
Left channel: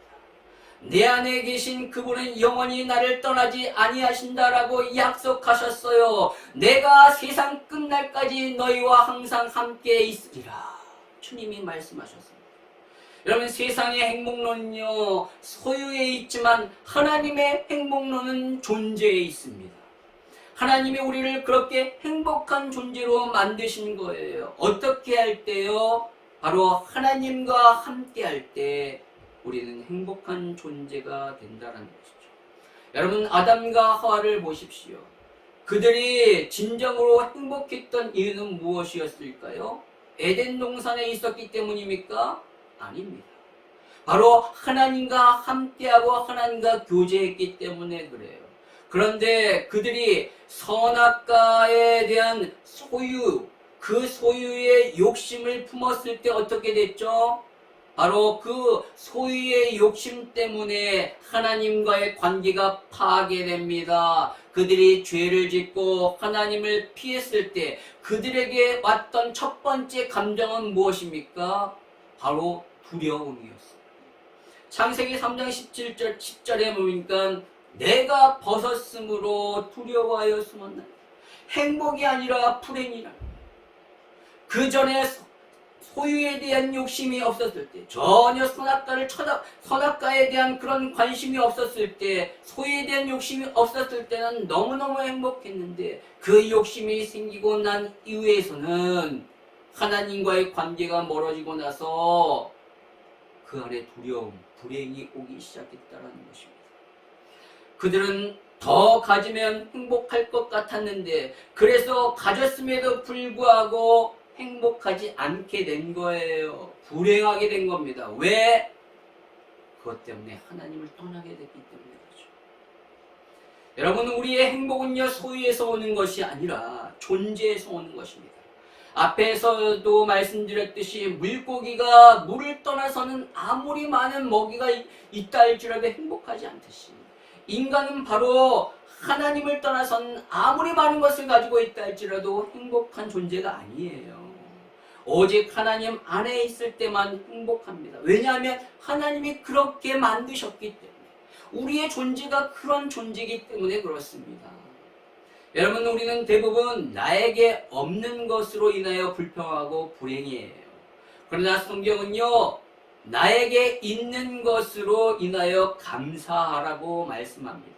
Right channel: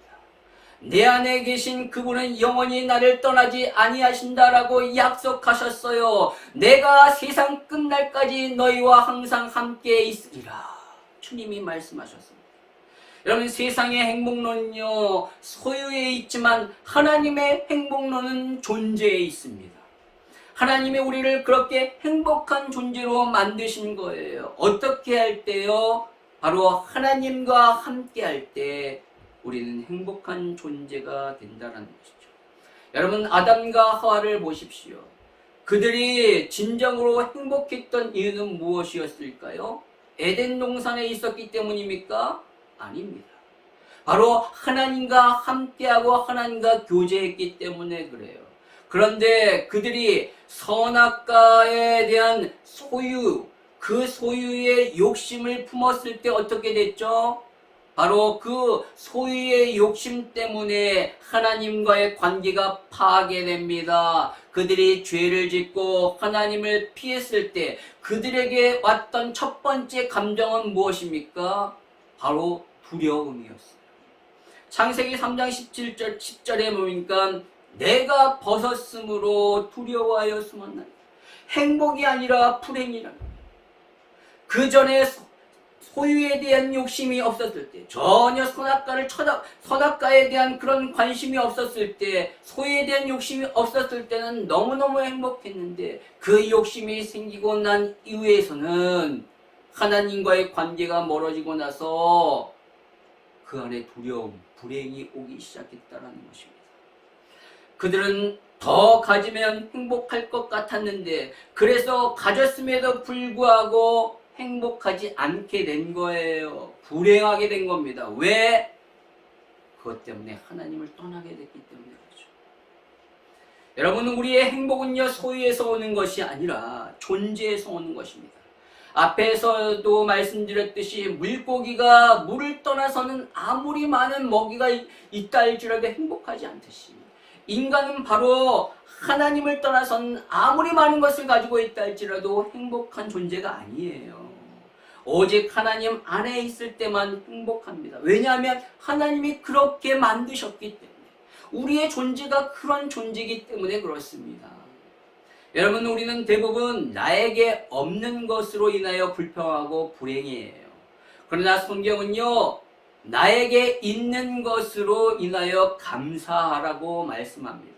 내 안에 계신 그분은 영원히 나를 떠나지 아니하신다라고 약속하셨어요. 내가 세상 끝날까지 너희와 항상 함께 있으리라. 주님이 말씀하셨습니다. 여러분, 세상의 행복론은요, 소유에 있지만 하나님의 행복론은 존재에 있습니다. 하나님이 우리를 그렇게 행복한 존재로 만드신 거예요. 어떻게 할 때요? 바로 하나님과 함께 할 때 우리는 행복한 존재가 된다는 것이죠. 여러분, 아담과 하와를 보십시오. 그들이 진정으로 행복했던 이유는 무엇이었을까요? 에덴 동산에 있었기 때문입니까? 아닙니다. 바로 하나님과 함께하고 하나님과 교제했기 때문에 그래요. 그런데 그들이 선악과에 대한 소유, 그 소유의 욕심을 품었을 때 어떻게 됐죠? 바로 그 소유의 욕심 때문에 하나님과의 관계가 파괴됩니다. 그들이 죄를 짓고 하나님을 피했을 때 그들에게 왔던 첫 번째 감정은 무엇입니까? 바로 두려움이었어요. 창세기 3장 10절에 보니까 내가 벗었으므로 두려워하여 숨었나니 행복이 아니라 불행이라. 그 전에 소유에 대한 욕심이 없었을 때, 전혀 선악과에 대한 그런 관심이 없었을 때, 소유에 대한 욕심이 없었을 때는 너무너무 행복했는데, 그 욕심이 생기고 난 이후에서는 하나님과의 관계가 멀어지고 나서 그 안에 두려움, 불행이 오기 시작했다는 것입니다. 그들은 더 가지면 행복할 것 같았는데, 그래서 가졌음에도 불구하고 행복하지 않게 된 거예요. 불행하게 된 겁니다. 왜? 그것 때문에 하나님을 떠나게 됐기 때문에 그렇죠. 여러분, 우리의 행복은요, 소유에서 오는 것이 아니라 존재에서 오는 것입니다. 앞에서도 말씀드렸듯이 물고기가 물을 떠나서는 아무리 많은 먹이가 있다 할지라도 행복하지 않듯이, 인간은 바로 하나님을 떠나서는 아무리 많은 것을 가지고 있다 할지라도 행복한 존재가 아니에요. 오직 하나님 안에 있을 때만 행복합니다. 왜냐하면 하나님이 그렇게 만드셨기 때문에, 우리의 존재가 그런 존재이기 때문에 그렇습니다. 여러분, 우리는 대부분 나에게 없는 것으로 인하여 불평하고 불행해해요. 그러나 성경은요, 나에게 있는 것으로 인하여 감사하라고 말씀합니다.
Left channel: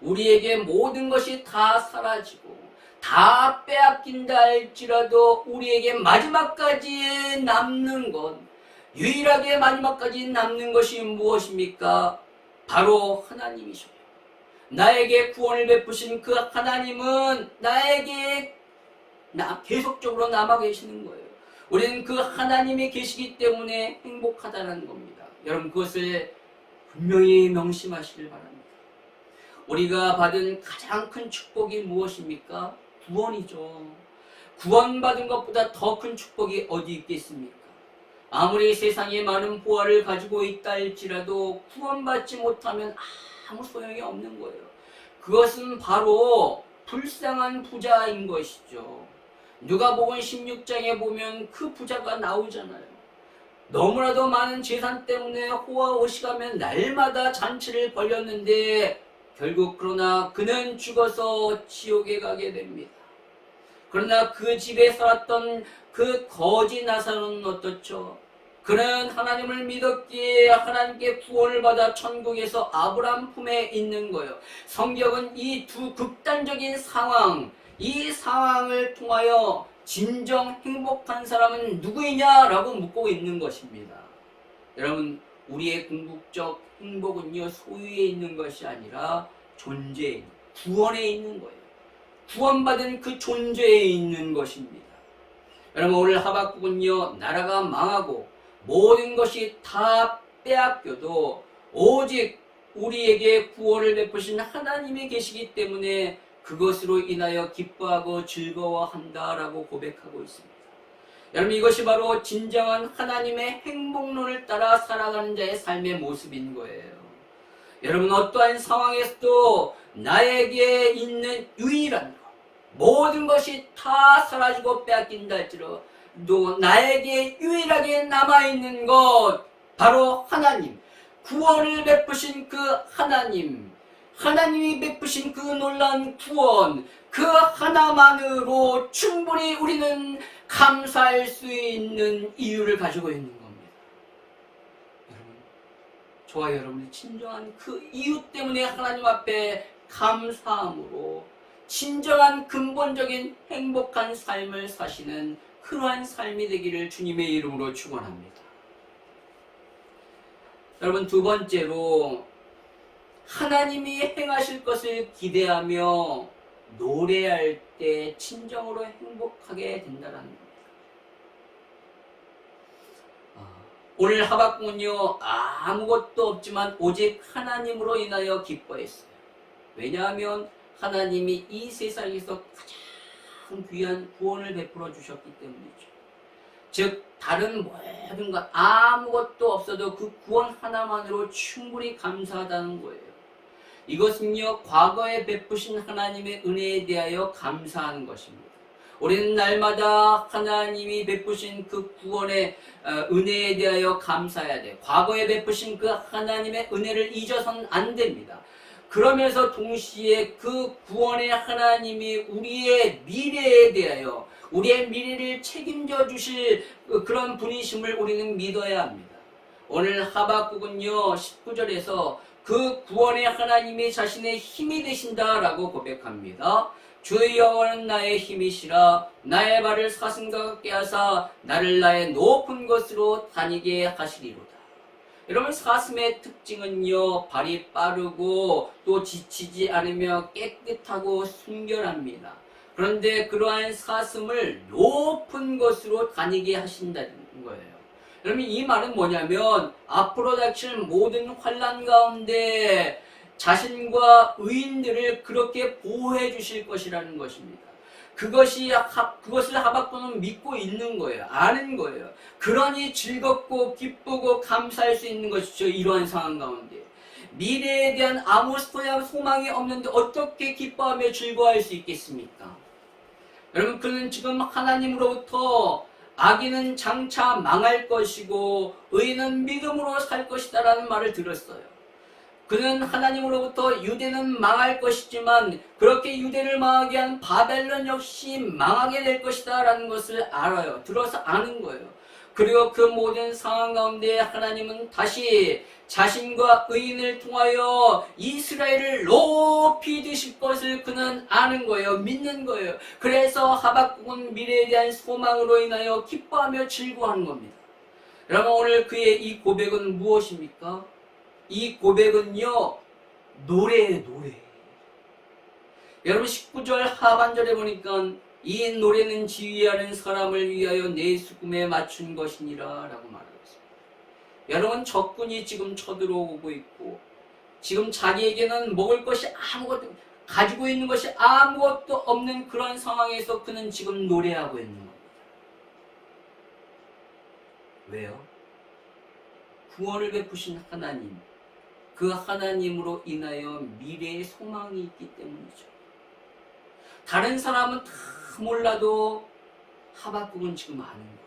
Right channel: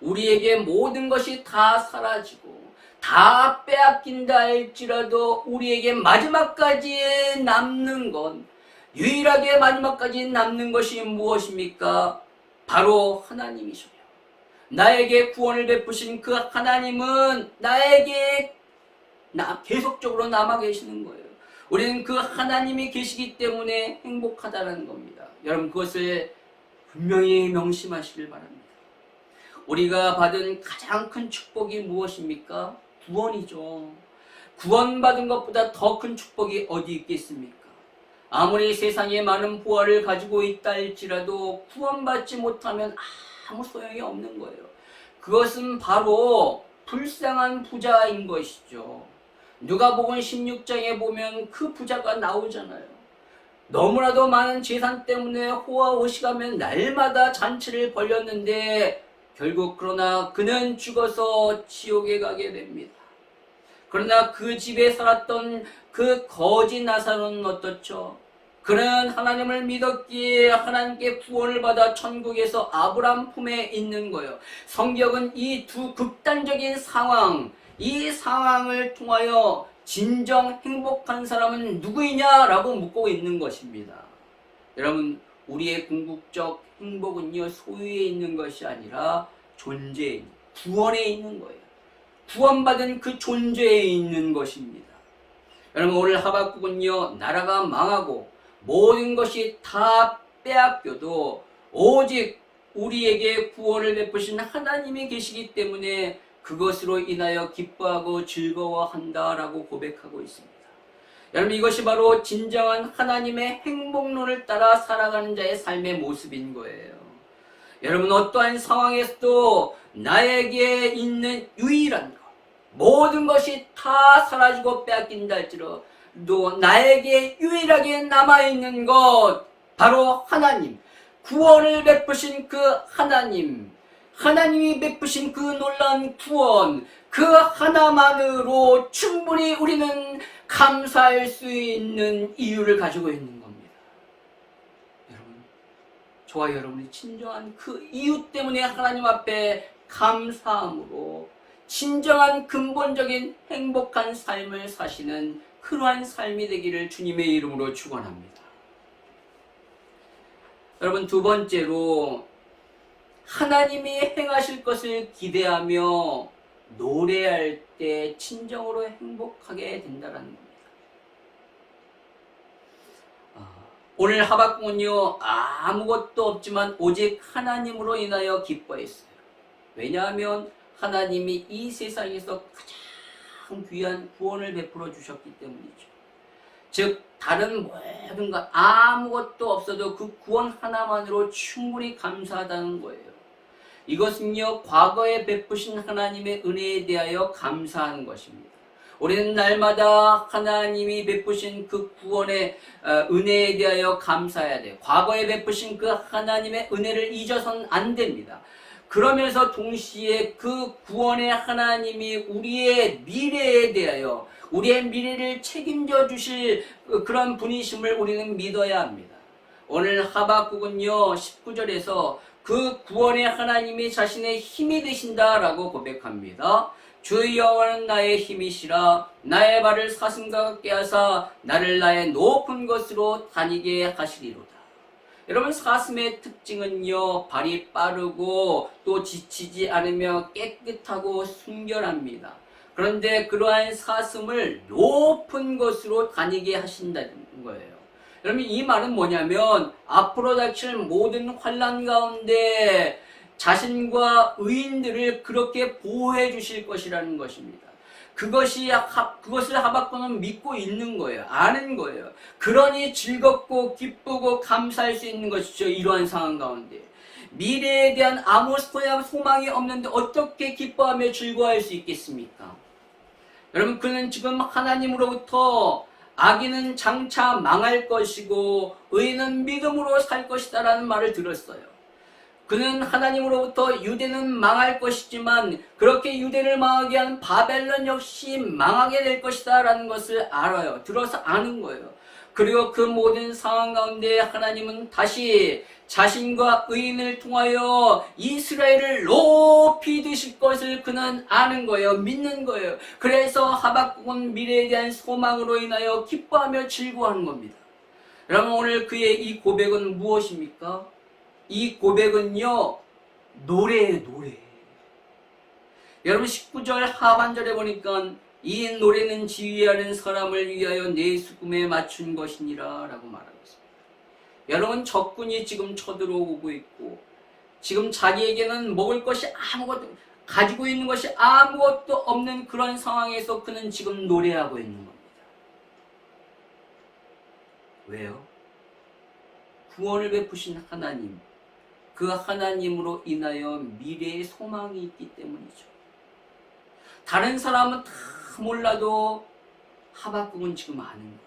우리에게 모든 것이 다 사라지고 다 빼앗긴다 할지라도 우리에게 마지막까지 남는 것, 유일하게 마지막까지 남는 것이 무엇입니까? 바로 하나님이셔요. 나에게 구원을 베푸신 그 하나님은 나에게 계속적으로 남아 계시는 거예요. 우리는 그 하나님이 계시기 때문에 행복하다는 겁니다. 여러분, 그것을 분명히 명심하시길 바랍니다. 우리가 받은 가장 큰 축복이 무엇입니까? 구원이죠. 구원받은 것보다 더 큰 축복이 어디 있겠습니까? 아무리 세상에 많은 보화를 가지고 있다 할지라도 구원받지 못하면 아무 소용이 없는 거예요. 그것은 바로 불쌍한 부자인 것이죠. 누가복음 16장에 보면 그 부자가 나오잖아요. 너무나도 많은 재산 때문에 호화호식하며 날마다 잔치를 벌였는데 결국 그러나 그는 죽어서 지옥에 가게 됩니다. 그러나 그 집에 살았던 그 거지 나사로는 어떻죠? 그는 하나님을 믿었기에 하나님께 구원을 받아 천국에서 아브라함 품에 있는 거예요. 성경은 이 두 극단적인 상황, 이 상황을 통하여 진정 행복한 사람은 누구이냐라고 묻고 있는 것입니다. 여러분, 우리의 궁극적 행복은요, 소유에 있는 것이 아니라 존재에, 구원에 있는 거예요. 구원받은 그 존재에 있는 것입니다. 여러분, 오늘 하박국은요, 나라가 망하고 모든 것이 다 빼앗겨도 오직 우리에게 구원을 베푸신 하나님이 계시기 때문에 그것으로 인하여 기뻐하고 즐거워한다라고 고백하고 있습니다. 여러분, 이것이 바로 진정한 하나님의 행복론을 따라 살아가는 자의 삶의 모습인 거예요. 여러분, 어떠한 상황에서도 나에게 있는 유일한 것, 모든 것이 다 사라지고 빼앗긴다 할지라도 또 나에게 유일하게 남아있는 것 바로 하나님, 구원을 베푸신 그 하나님, 하나님이 베푸신 그 놀라운 구원, 그 하나만으로 충분히 우리는 감사할 수 있는 이유를 가지고 있는 겁니다. 여러분, 저와 여러분이 진정한 그 이유 때문에 하나님 앞에 감사함으로 진정한 근본적인 행복한 삶을 사시는 그러한 삶이 되기를 주님의 이름으로 축원합니다. 여러분, 두 번째로 하나님이 행하실 것을 기대하며 노래할 때 진정으로 행복하게 된다는 겁니다. 오늘 하박국은요, 아무것도 없지만 오직 하나님으로 인하여 기뻐했어요. 왜냐하면 하나님이 이 세상에서 가장 귀한 구원을 베풀어 주셨기 때문이죠. 즉 다른 모든 것 아무것도 없어도 그 구원 하나만으로 충분히 감사하다는 거예요. 이것은요, 과거에 베푸신 하나님의 은혜에 대하여 감사하는 것입니다. 우리는 날마다 하나님이 베푸신 그 구원의 은혜에 대하여 감사해야 돼요. 과거에 베푸신 그 하나님의 은혜를 잊어서는 안 됩니다. 그러면서 동시에 그 구원의 하나님이 우리의 미래에 대하여, 우리의 미래를 책임져 주실 그런 분이심을 우리는 믿어야 합니다. 오늘 하박국은요 19절에서 그 구원의 하나님이 자신의 힘이 되신다라고 고백합니다. 주 여호와는 나의 힘이시라. 나의 발을 사슴과 같게 하사 나를 나의 높은 곳으로 다니게 하시리로다. 여러분, 사슴의 특징은요, 발이 빠르고 또 지치지 않으며 깨끗하고 순결합니다. 그런데 그러한 사슴을 높은 곳으로 다니게 하신다는 거예요. 여러분, 이 말은 뭐냐면 앞으로 닥칠 모든 환난 가운데 자신과 의인들을 그렇게 보호해 주실 것이라는 것입니다. 그것을 하박국은 믿고 있는 거예요. 아는 거예요. 그러니 즐겁고 기쁘고 감사할 수 있는 것이죠. 이러한 상황 가운데. 미래에 대한 아무 소망이 없는데 어떻게 기뻐하며 즐거워할 수 있겠습니까? 여러분, 그는 지금 하나님으로부터 악인은 장차 망할 것이고 의인은 믿음으로 살 것이다 라는 말을 들었어요. 그는 하나님으로부터 유대는 망할 것이지만 그렇게 유대를 망하게 한 바벨론 역시 망하게 될 것이다 라는 것을 알아요. 들어서 아는 거예요. 그리고 그 모든 상황 가운데 하나님은 다시 자신과 의인을 통하여 이스라엘을 높이 드실 것을 그는 아는 거예요. 믿는 거예요. 그래서 하박국은 미래에 대한 소망으로 인하여 기뻐하며 즐거워하는 겁니다. 여러분, 오늘 그의 이 고백은 무엇입니까? 이 고백은요, 노래예요, 노래. 여러분, 19절 하반절에 보니까 이 노래는 지휘하는 사람을 위하여 내 수금에 맞춘 것이니라 라고 말하고 있습니다. 여러분, 적군이 지금 쳐들어오고 있고 지금 자기에게는 먹을 것이 아무것도, 가지고 있는 것이 아무것도 없는 그런 상황에서 그는 지금 노래하고 있는 겁니다. 왜요? 구원을 베푸신 하나님, 그 하나님으로 인하여 미래의 소망이 있기 때문이죠. 다른 사람은 다 몰라도 하박국은 지금 아는 거예요.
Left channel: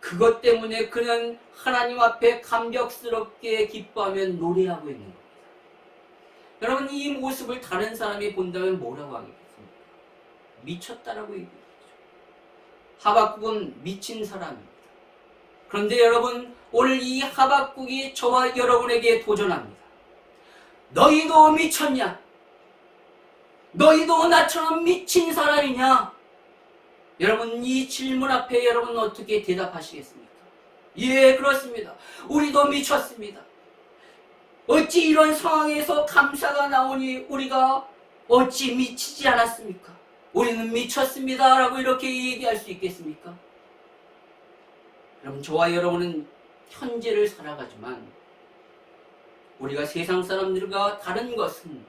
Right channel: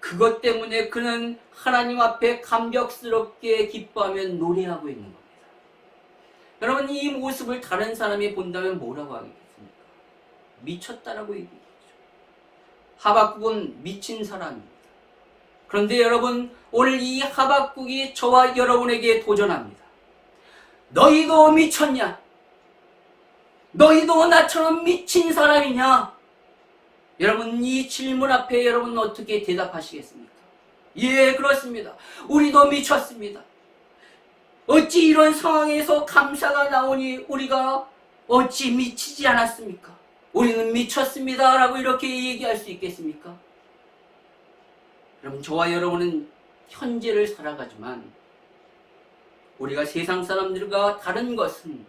그것 때문에 그는 하나님 앞에 감격스럽게 기뻐하며 노래하고 있는 겁니다. 여러분, 이 모습을 다른 사람이 본다면 뭐라고 하겠습니까? 미쳤다라고 얘기하죠. 하박국은 미친 사람입니다. 그런데 여러분, 오늘 이 하박국이 저와 여러분에게 도전합니다. 너희도 미쳤냐? 너희도 나처럼 미친 사람이냐? 여러분, 이 질문 앞에 여러분 어떻게 대답하시겠습니까? 예, 그렇습니다. 우리도 미쳤습니다. 어찌 이런 상황에서 감사가 나오니 우리가 어찌 미치지 않았습니까? 우리는 미쳤습니다 라고 이렇게 얘기할 수 있겠습니까? 여러분, 저와 여러분은 현재를 살아가지만 우리가 세상 사람들과 다른 것은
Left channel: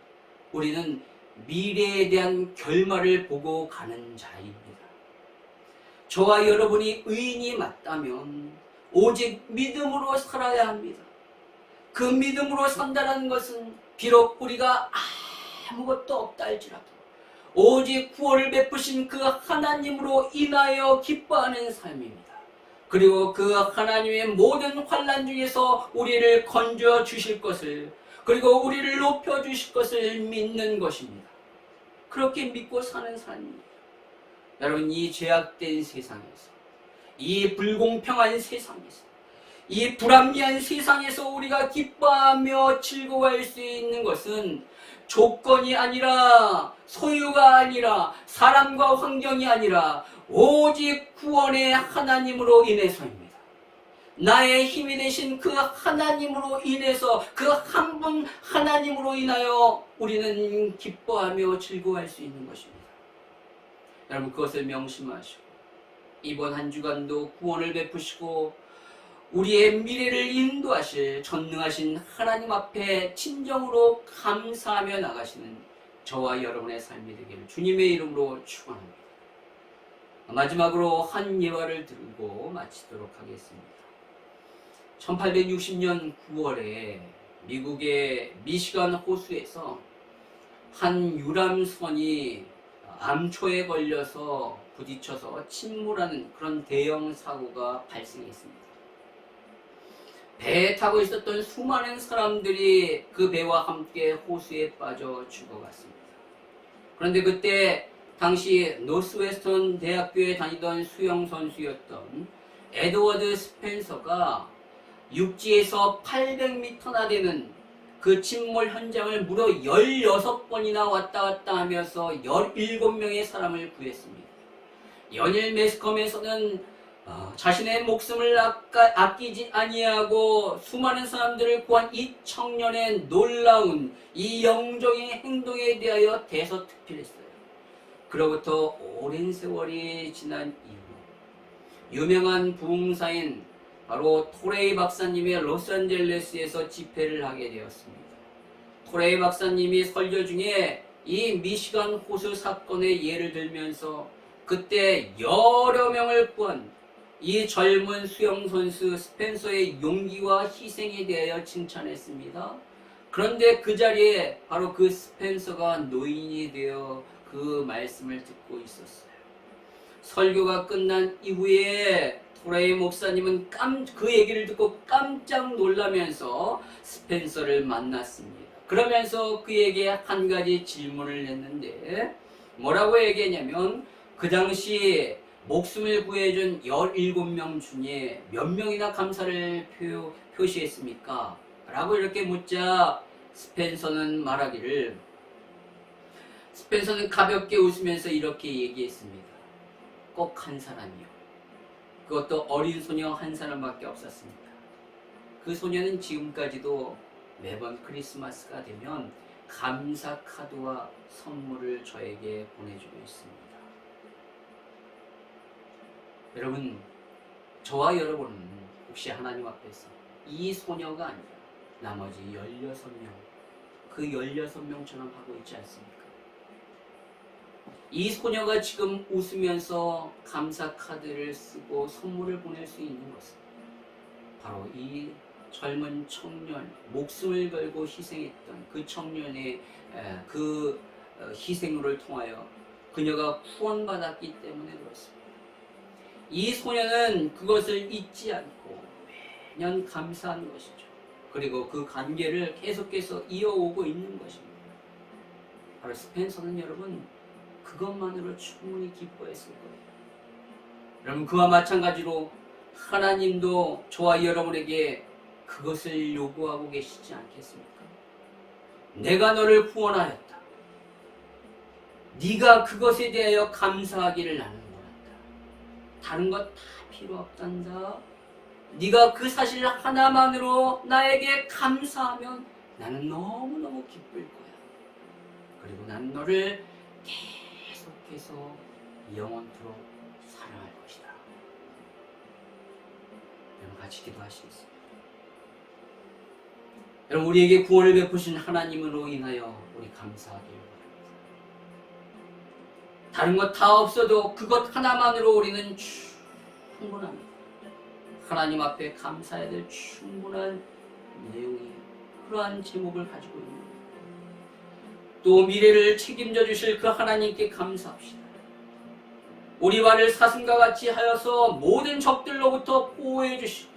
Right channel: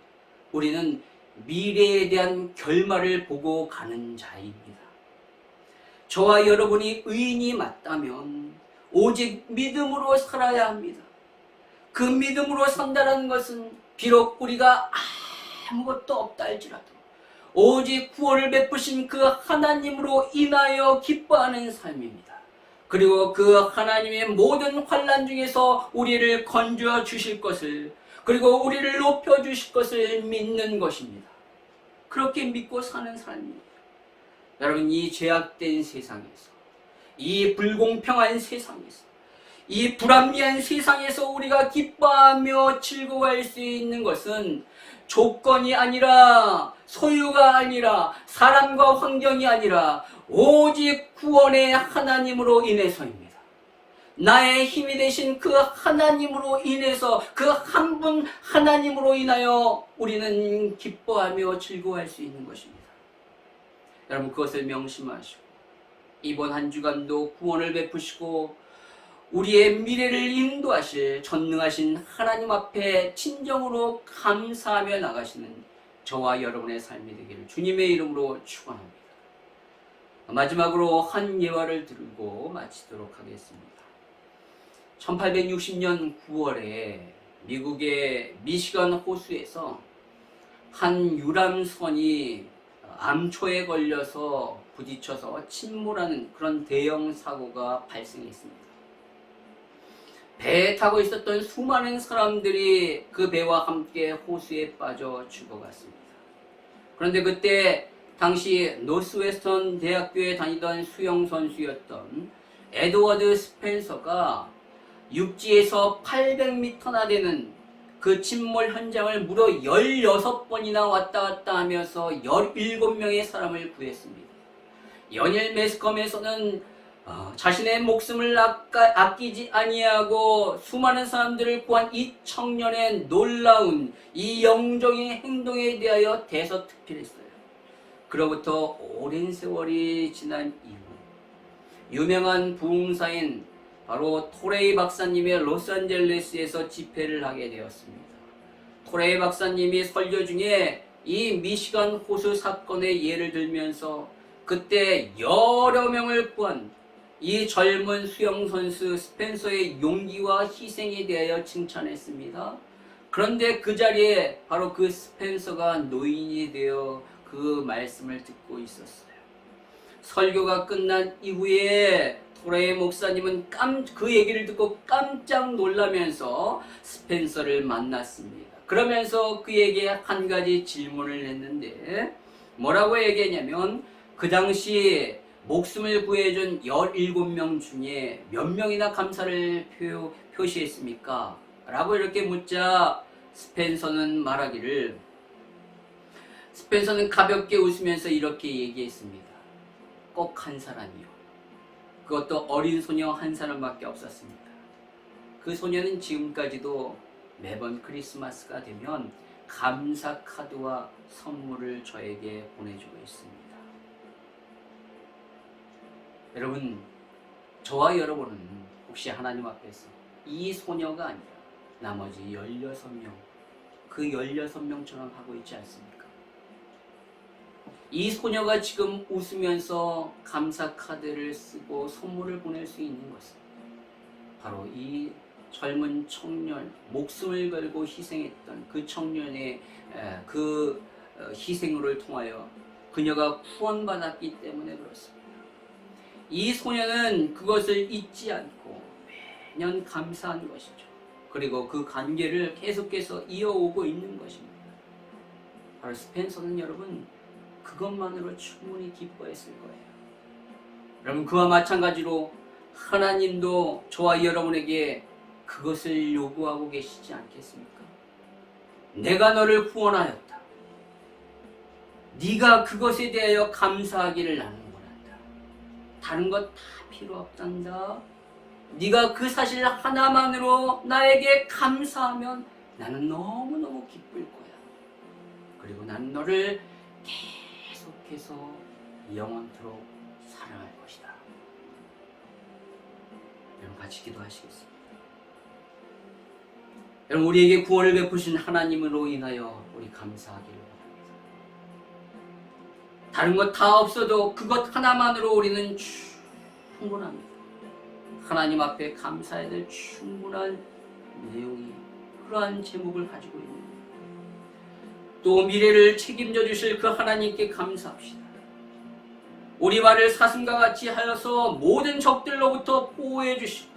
우리는 미래에 대한 결말을 보고 가는 자입니다. 저와 여러분이 의인이 맞다면 오직 믿음으로 살아야 합니다. 그 믿음으로 산다는 것은 비록 우리가 아무것도 없다 할지라도 오직 구원을 베푸신 그 하나님으로 인하여 기뻐하는 삶입니다. 그리고 그 하나님의 모든 환난 중에서 우리를 건져 주실 것을, 그리고 우리를 높여 주실 것을 믿는 것입니다. 그렇게 믿고 사는 삶입니다. 여러분, 이 죄악된 세상에서, 이 불공평한 세상에서, 이 불합리한 세상에서 우리가 기뻐하며 즐거워할 수 있는 것은 조건이 아니라, 소유가 아니라, 사람과 환경이 아니라 오직 구원의 하나님으로 인해서입니다. 나의 힘이 되신 그 하나님으로 인해서, 그 한 분 하나님으로 인하여 우리는 기뻐하며 즐거워할 수 있는 것입니다. 여러분, 그것을 명심하시고 이번 한 주간도 구원을 베푸시고 우리의 미래를 인도하실 전능하신 하나님 앞에 진정으로 감사하며 나가시는 저와 여러분의 삶이 되기를 주님의 이름으로 축원합니다. 마지막으로 한 예화를 들고 마치도록 하겠습니다. 1860년 9월에 미국의 미시건 호수에서 한 유람선이 암초에 걸려서 부딪혀서 침몰하는 그런 대형 사고가 발생했습니다. 배에 타고 있었던 수많은 사람들이 그 배와 함께 호수에 빠져 죽어갔습니다. 그런데 그때 당시 노스웨스턴 대학교에 다니던 수영 선수였던 에드워드 스펜서가 육지에서 800m나 되는 그 침몰 현장을 무려 16번이나 왔다 갔다 하면서 17명의 사람을 구했습니다. 연일 매스컴에서는 자신의 목숨을 아끼지 아니하고 수많은 사람들을 구한 이 청년의 놀라운 이 영적인 행동에 대하여 대서특필했어요. 그로부터 오랜 세월이 지난 이후 유명한 부흥사인 바로 토레이 박사님의 로스앤젤레스에서 집회를 하게 되었습니다. 토레이 박사님이 설교 중에 이 미시간 호수 사건의 예를 들면서 그때 여러 명을 구한 이 젊은 수영선수 스펜서의 용기와 희생에 대하여 칭찬했습니다. 그런데 그 자리에 바로 그 스펜서가 노인이 되어 그 말씀을 듣고 있었어요. 설교가 끝난 이후에 토레이 목사님은 그 얘기를 듣고 깜짝 놀라면서 스펜서를 만났습니다. 그러면서 그에게 한 가지 질문을 했는데 뭐라고 얘기했냐면 그 당시 목숨을 구해준 17명 중에 몇 명이나 감사를 표시했습니까? 라고 이렇게 묻자 스펜서는 가볍게 웃으면서 이렇게 얘기했습니다. 꼭 한 사람이요. 그것도 어린 소녀 한 사람밖에 없었습니다. 그 소녀는 지금까지도 매번 크리스마스가 되면 감사 카드와 선물을 저에게 보내주고 있습니다. 여러분, 저와 여러분은 혹시 하나님 앞에서 이 소녀가 아니라 나머지 16명, 그 16명처럼 하고 있지 않습니까? 이 소녀가 지금 웃으면서 감사 카드를 쓰고 선물을 보낼 수 있는 것은 바로 이 젊은 청년, 목숨을 걸고 희생했던 그 청년의 그 희생을 통하여 그녀가 구원받았기 때문에 그렇습니다. 이 소녀는 그것을 잊지 않고 매년 감사한 것이죠. 그리고 그 관계를 계속해서 이어오고 있는 것입니다. 바로 스펜서는 여러분 그것만으로 충분히 기뻐했을 거예요. 여러분, 그와 마찬가지로 하나님도 저와 여러분에게 그것을 요구하고 계시지 않겠습니까? 내가 너를 구원하였다. 네가 그것에 대하여 감사하기를 나는 원한다. 다른 것 다 필요 없단다. 네가 그 사실 하나만으로 나에게 감사하면 나는 너무너무 기쁠 거야. 그리고 난 너를 계속해서 영원토록 사랑할 것이다. 여러분 같이 기도하시겠습니다. 여러분, 우리에게 구원을 베푸신 하나님으로 인하여 우리 감사하길 바랍니다. 다른 것 다 없어도 그것 하나만으로 우리는 충분합니다. 하나님 앞에 감사해야 될 충분한 내용이 그러한 제목을 가지고 있는 또 미래를 책임져 주실 그 하나님께 감사합시다. 우리 발을 사슴과 같이 하여서 모든 적들로부터 보호해 주시고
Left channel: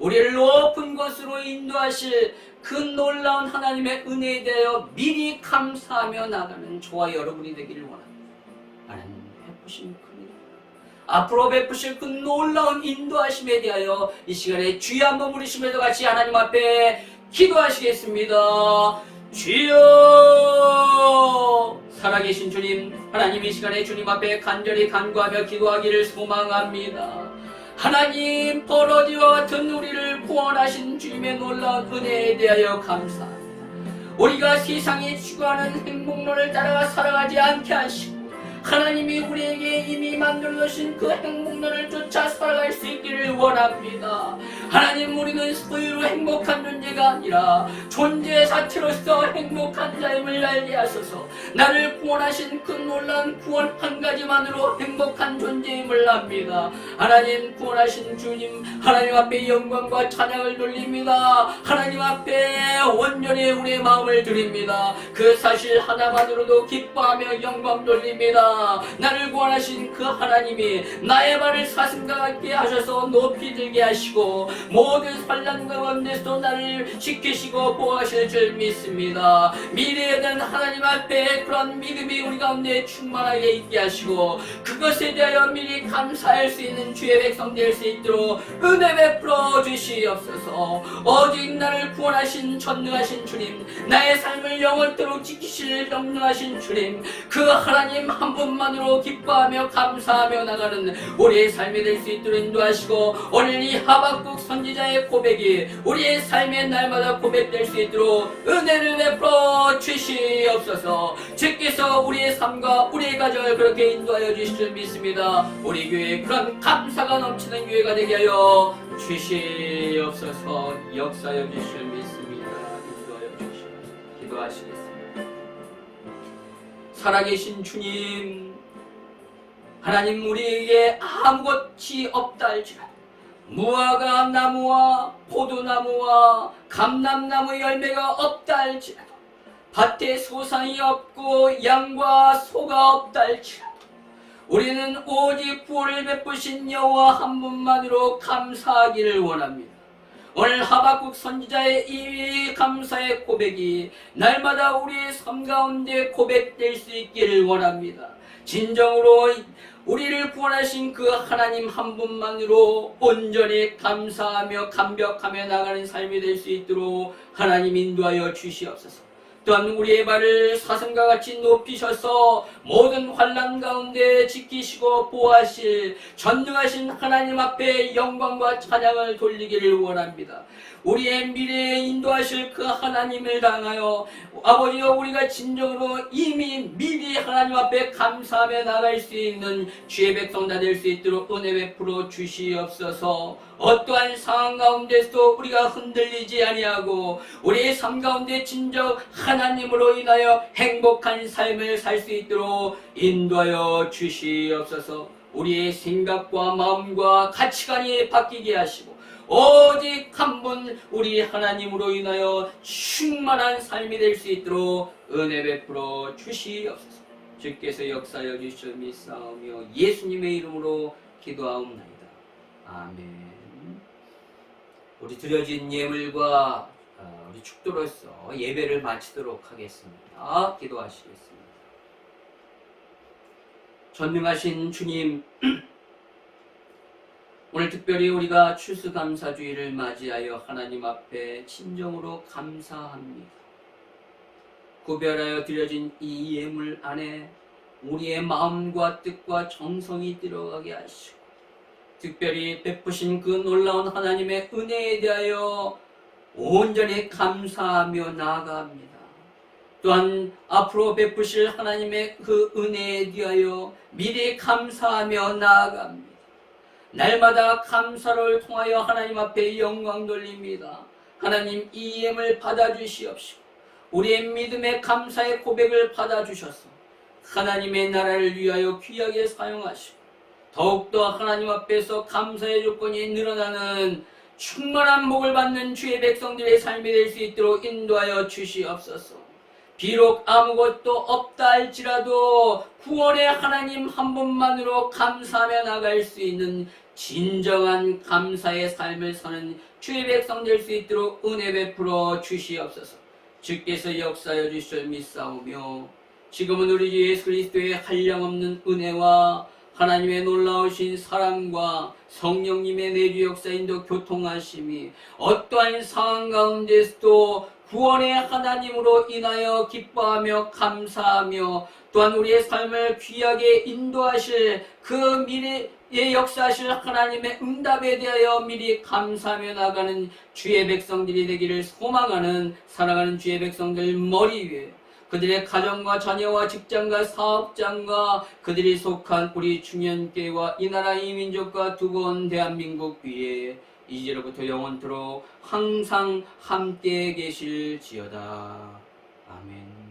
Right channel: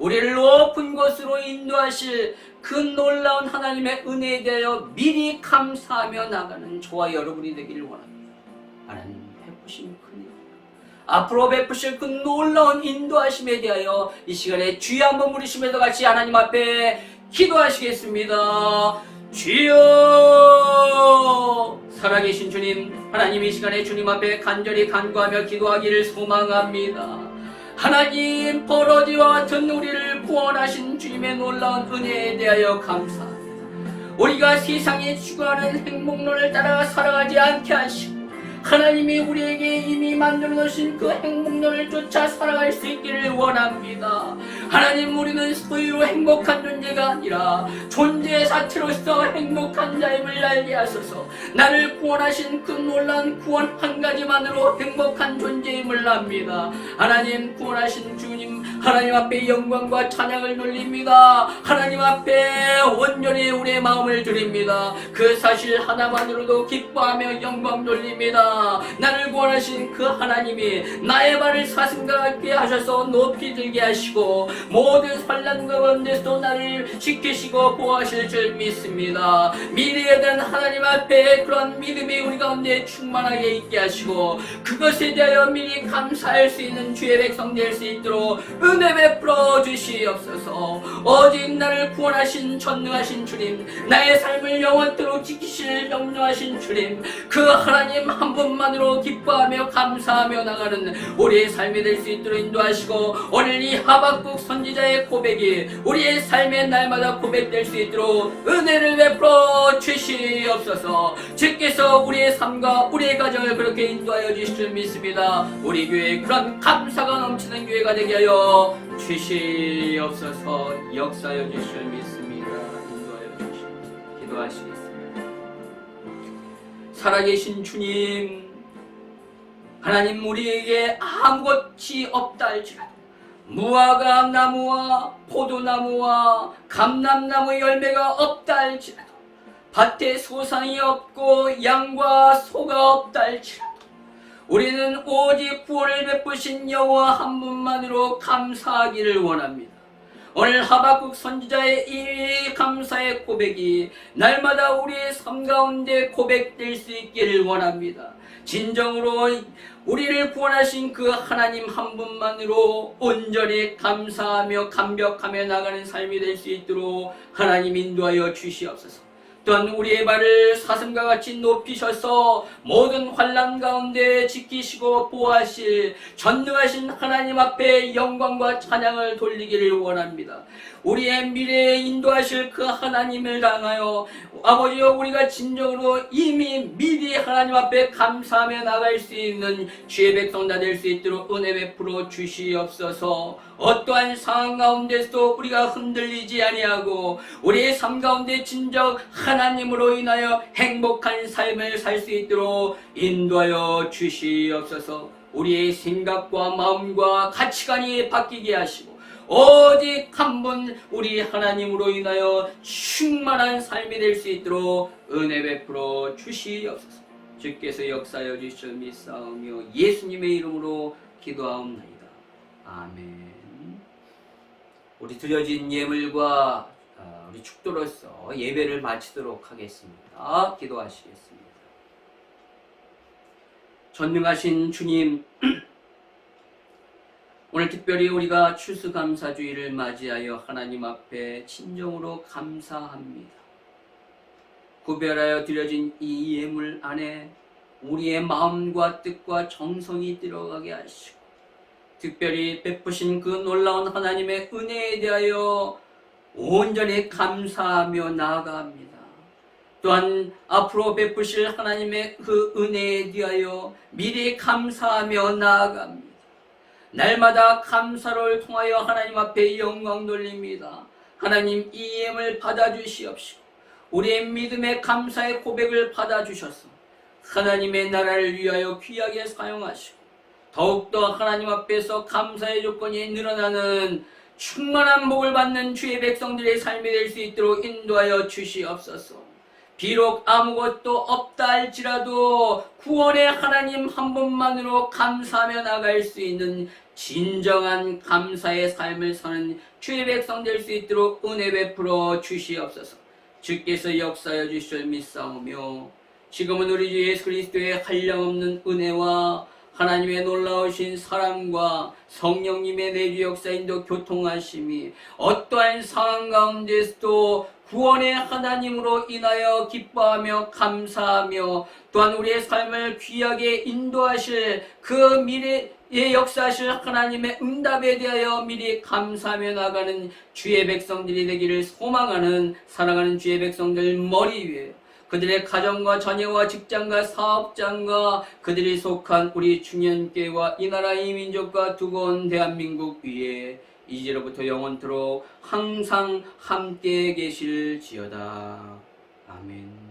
우리를 높은 곳으로 인도하실 그 놀라운 하나님의 은혜에 대하여 미리 감사하며 나가는 저와 여러분이 되기를 원합니다. 하나님 베푸신 그 은혜, 앞으로 베푸실 그 놀라운 인도하심에 대하여 이 시간에 주여 한번 부르시면서 같이 하나님 앞에 기도하시겠습니다. 주여, 살아계신 주님, 하나님 이 시간에 주님 앞에 간절히 간구하며 기도하기를 소망합니다. 하나님, 버러지와 같은 우리를 구원하신 주님의 놀라운 은혜에 대하여 감사합니다. 우리가 세상이 추구하는 행복론을 따라 살아가지 않게 하시고 하나님이 우리에게 이미 만들어 놓으신 그 행복론을 쫓아 살아갈 수 있기를 원합니다. 하나님, 우리는 소유로 행복한 존재가 아니라 존재 자체로서 행복한 자임을 알게 하소서. 나를 구원하신 그 놀라운 구원 한 가지만으로 행복한 존재임을 압니다. 하나님, 구원하신 주님, 하나님 앞에 영광과 찬양을 돌립니다. 하나님 앞에 온전히 우리의 마음을 드립니다. 그 사실 하나만으로도 기뻐하며 영광 돌립니다. 나를 구원하신 그 하나님이 나의 발을 사슴과 같게 하셔서 높이 들게 하시고 모든 환난 가운데서 나를 지키시고 보호하실 줄 믿습니다. 미래에 대한 하나님 앞에 그런 믿음이 우리 가운데 충만하게 있게 하시고 그것에 대하여 미리 감사할 수 있는 주의 백성 될 수 있도록 은혜 베풀어 주시옵소서. 오직 나를 구원하신 전능하신 주님, 나의 삶을 영원토록 지키실 영능하신 주님, 그 하나님 한 분만으로 기뻐하며 감사하며 나가는 우리의 삶이 될 수 있도록 인도하시고 오늘 이 하박국 선지자의 고백이 우리의 삶의 날마다 고백될 수 있도록 은혜를 베풀어 주시옵소서. 주께서 우리의 삶과 우리의 가정을 그렇게 인도하여 주실 줄 믿습니다. 우리 교회에 그런 감사가 넘치는 교회가 되게 하여 주시옵소서. 역사여 주실 줄 믿습니다. 인도하여 주시옵소서. 기도하시겠습니다. 살아계신 주님, 하나님, 우리에게 아무것이 없다 할지라도 무화과 나무와 포도나무와 감람나무 열매가 없다 할지라도 밭에 소산이 없고 양과 소가 없다 할지라도 우리는 오직 구원을 베푸신 여호와 한 분만으로 감사하기를 원합니다. 오늘 하박국 선지자의 이 감사의 고백이 날마다 우리의 삶 가운데 고백될 수 있기를 원합니다. 진정으로 우리를 구원하신 그 하나님 한 분만으로 온전히 감사하며 감격하며 나가는 삶이 될 수 있도록 하나님 인도하여 주시옵소서. 또한 우리의 발을 사슴과 같이 높이셔서 모든 환난 가운데 지키시고 보호하실 전능하신 하나님 앞에 영광과 찬양을 돌리기를 원합니다. 우리의 미래에 인도하실 그 하나님을 향하여 아버지여, 우리가 진정으로 이미 미리 하나님 앞에 감사하며 나갈 수 있는 주의 백성 다 될 수 있도록 은혜 베풀어 주시옵소서. 어떠한 상황 가운데서도 우리가 흔들리지 아니하고 우리의 삶 가운데 진정 하나님으로 인하여 행복한 삶을 살 수 있도록 인도하여 주시옵소서. 우리의 생각과 마음과 가치관이 바뀌게 하시고 오직 한 분 우리 하나님으로 인하여 충만한 삶이 될 수 있도록 은혜 베풀어 주시옵소서. 주께서 역사여 주시옵 믿사오며 예수님의 이름으로 기도하옵나이다. 아멘. 우리 드려진 예물과 우리 축도로서 예배를 마치도록 하겠습니다. 기도하시겠습니다. 전능하신 주님, 오늘 특별히 우리가 추수감사주의를 맞이하여 하나님 앞에 진정으로 감사합니다. 구별하여 드려진 이 예물 안에 우리의 마음과 뜻과 정성이 들어가게 하시고 특별히 베푸신 그 놀라운 하나님의 은혜에 대하여 온전히 감사하며 나아갑니다. 또한 앞으로 베푸실 하나님의 그 은혜에 대하여 미리 감사하며 나아갑니다. 날마다 감사를 통하여 하나님 앞에 영광 돌립니다. 하나님, 이 예물 받아주시옵시고 우리의 믿음의 감사의 고백을 받아주셔서 하나님의 나라를 위하여 귀하게 사용하시고 더욱더 하나님 앞에서 감사의 조건이 늘어나는 충만한 복을 받는 주의 백성들의 삶이 될 수 있도록 인도하여 주시옵소서. 비록 아무것도 없다 할지라도 구원의 하나님 한 분만으로 감사하며 나갈 수 있는 진정한 감사의 삶을 사는 주의 백성 될 수 있도록 은혜 베풀어 주시옵소서. 주께서 역사하여 주실 믿사오며 지금은 우리 주 예수 그리스도의 한량없는 은혜와 하나님의 놀라우신 사랑과 성령님의 내주 역사인도 교통하심이 어떠한 상황 가운데서도 구원의 하나님으로 인하여 기뻐하며 감사하며 또한 우리의 삶을 귀하게 인도하실 그 미래의 역사하실 하나님의 응답에 대하여 미리 감사하며 나가는 주의 백성들이 되기를 소망하는 사랑하는 주의 백성들 머리 위에 그들의 가정과 자녀와 직장과 사업장과 그들이 속한 우리 중년교회와 이 나라 이 민족과 두고 온 대한민국 위에 이제로부터 영원토록 항상 함께 계실지어다. 아멘.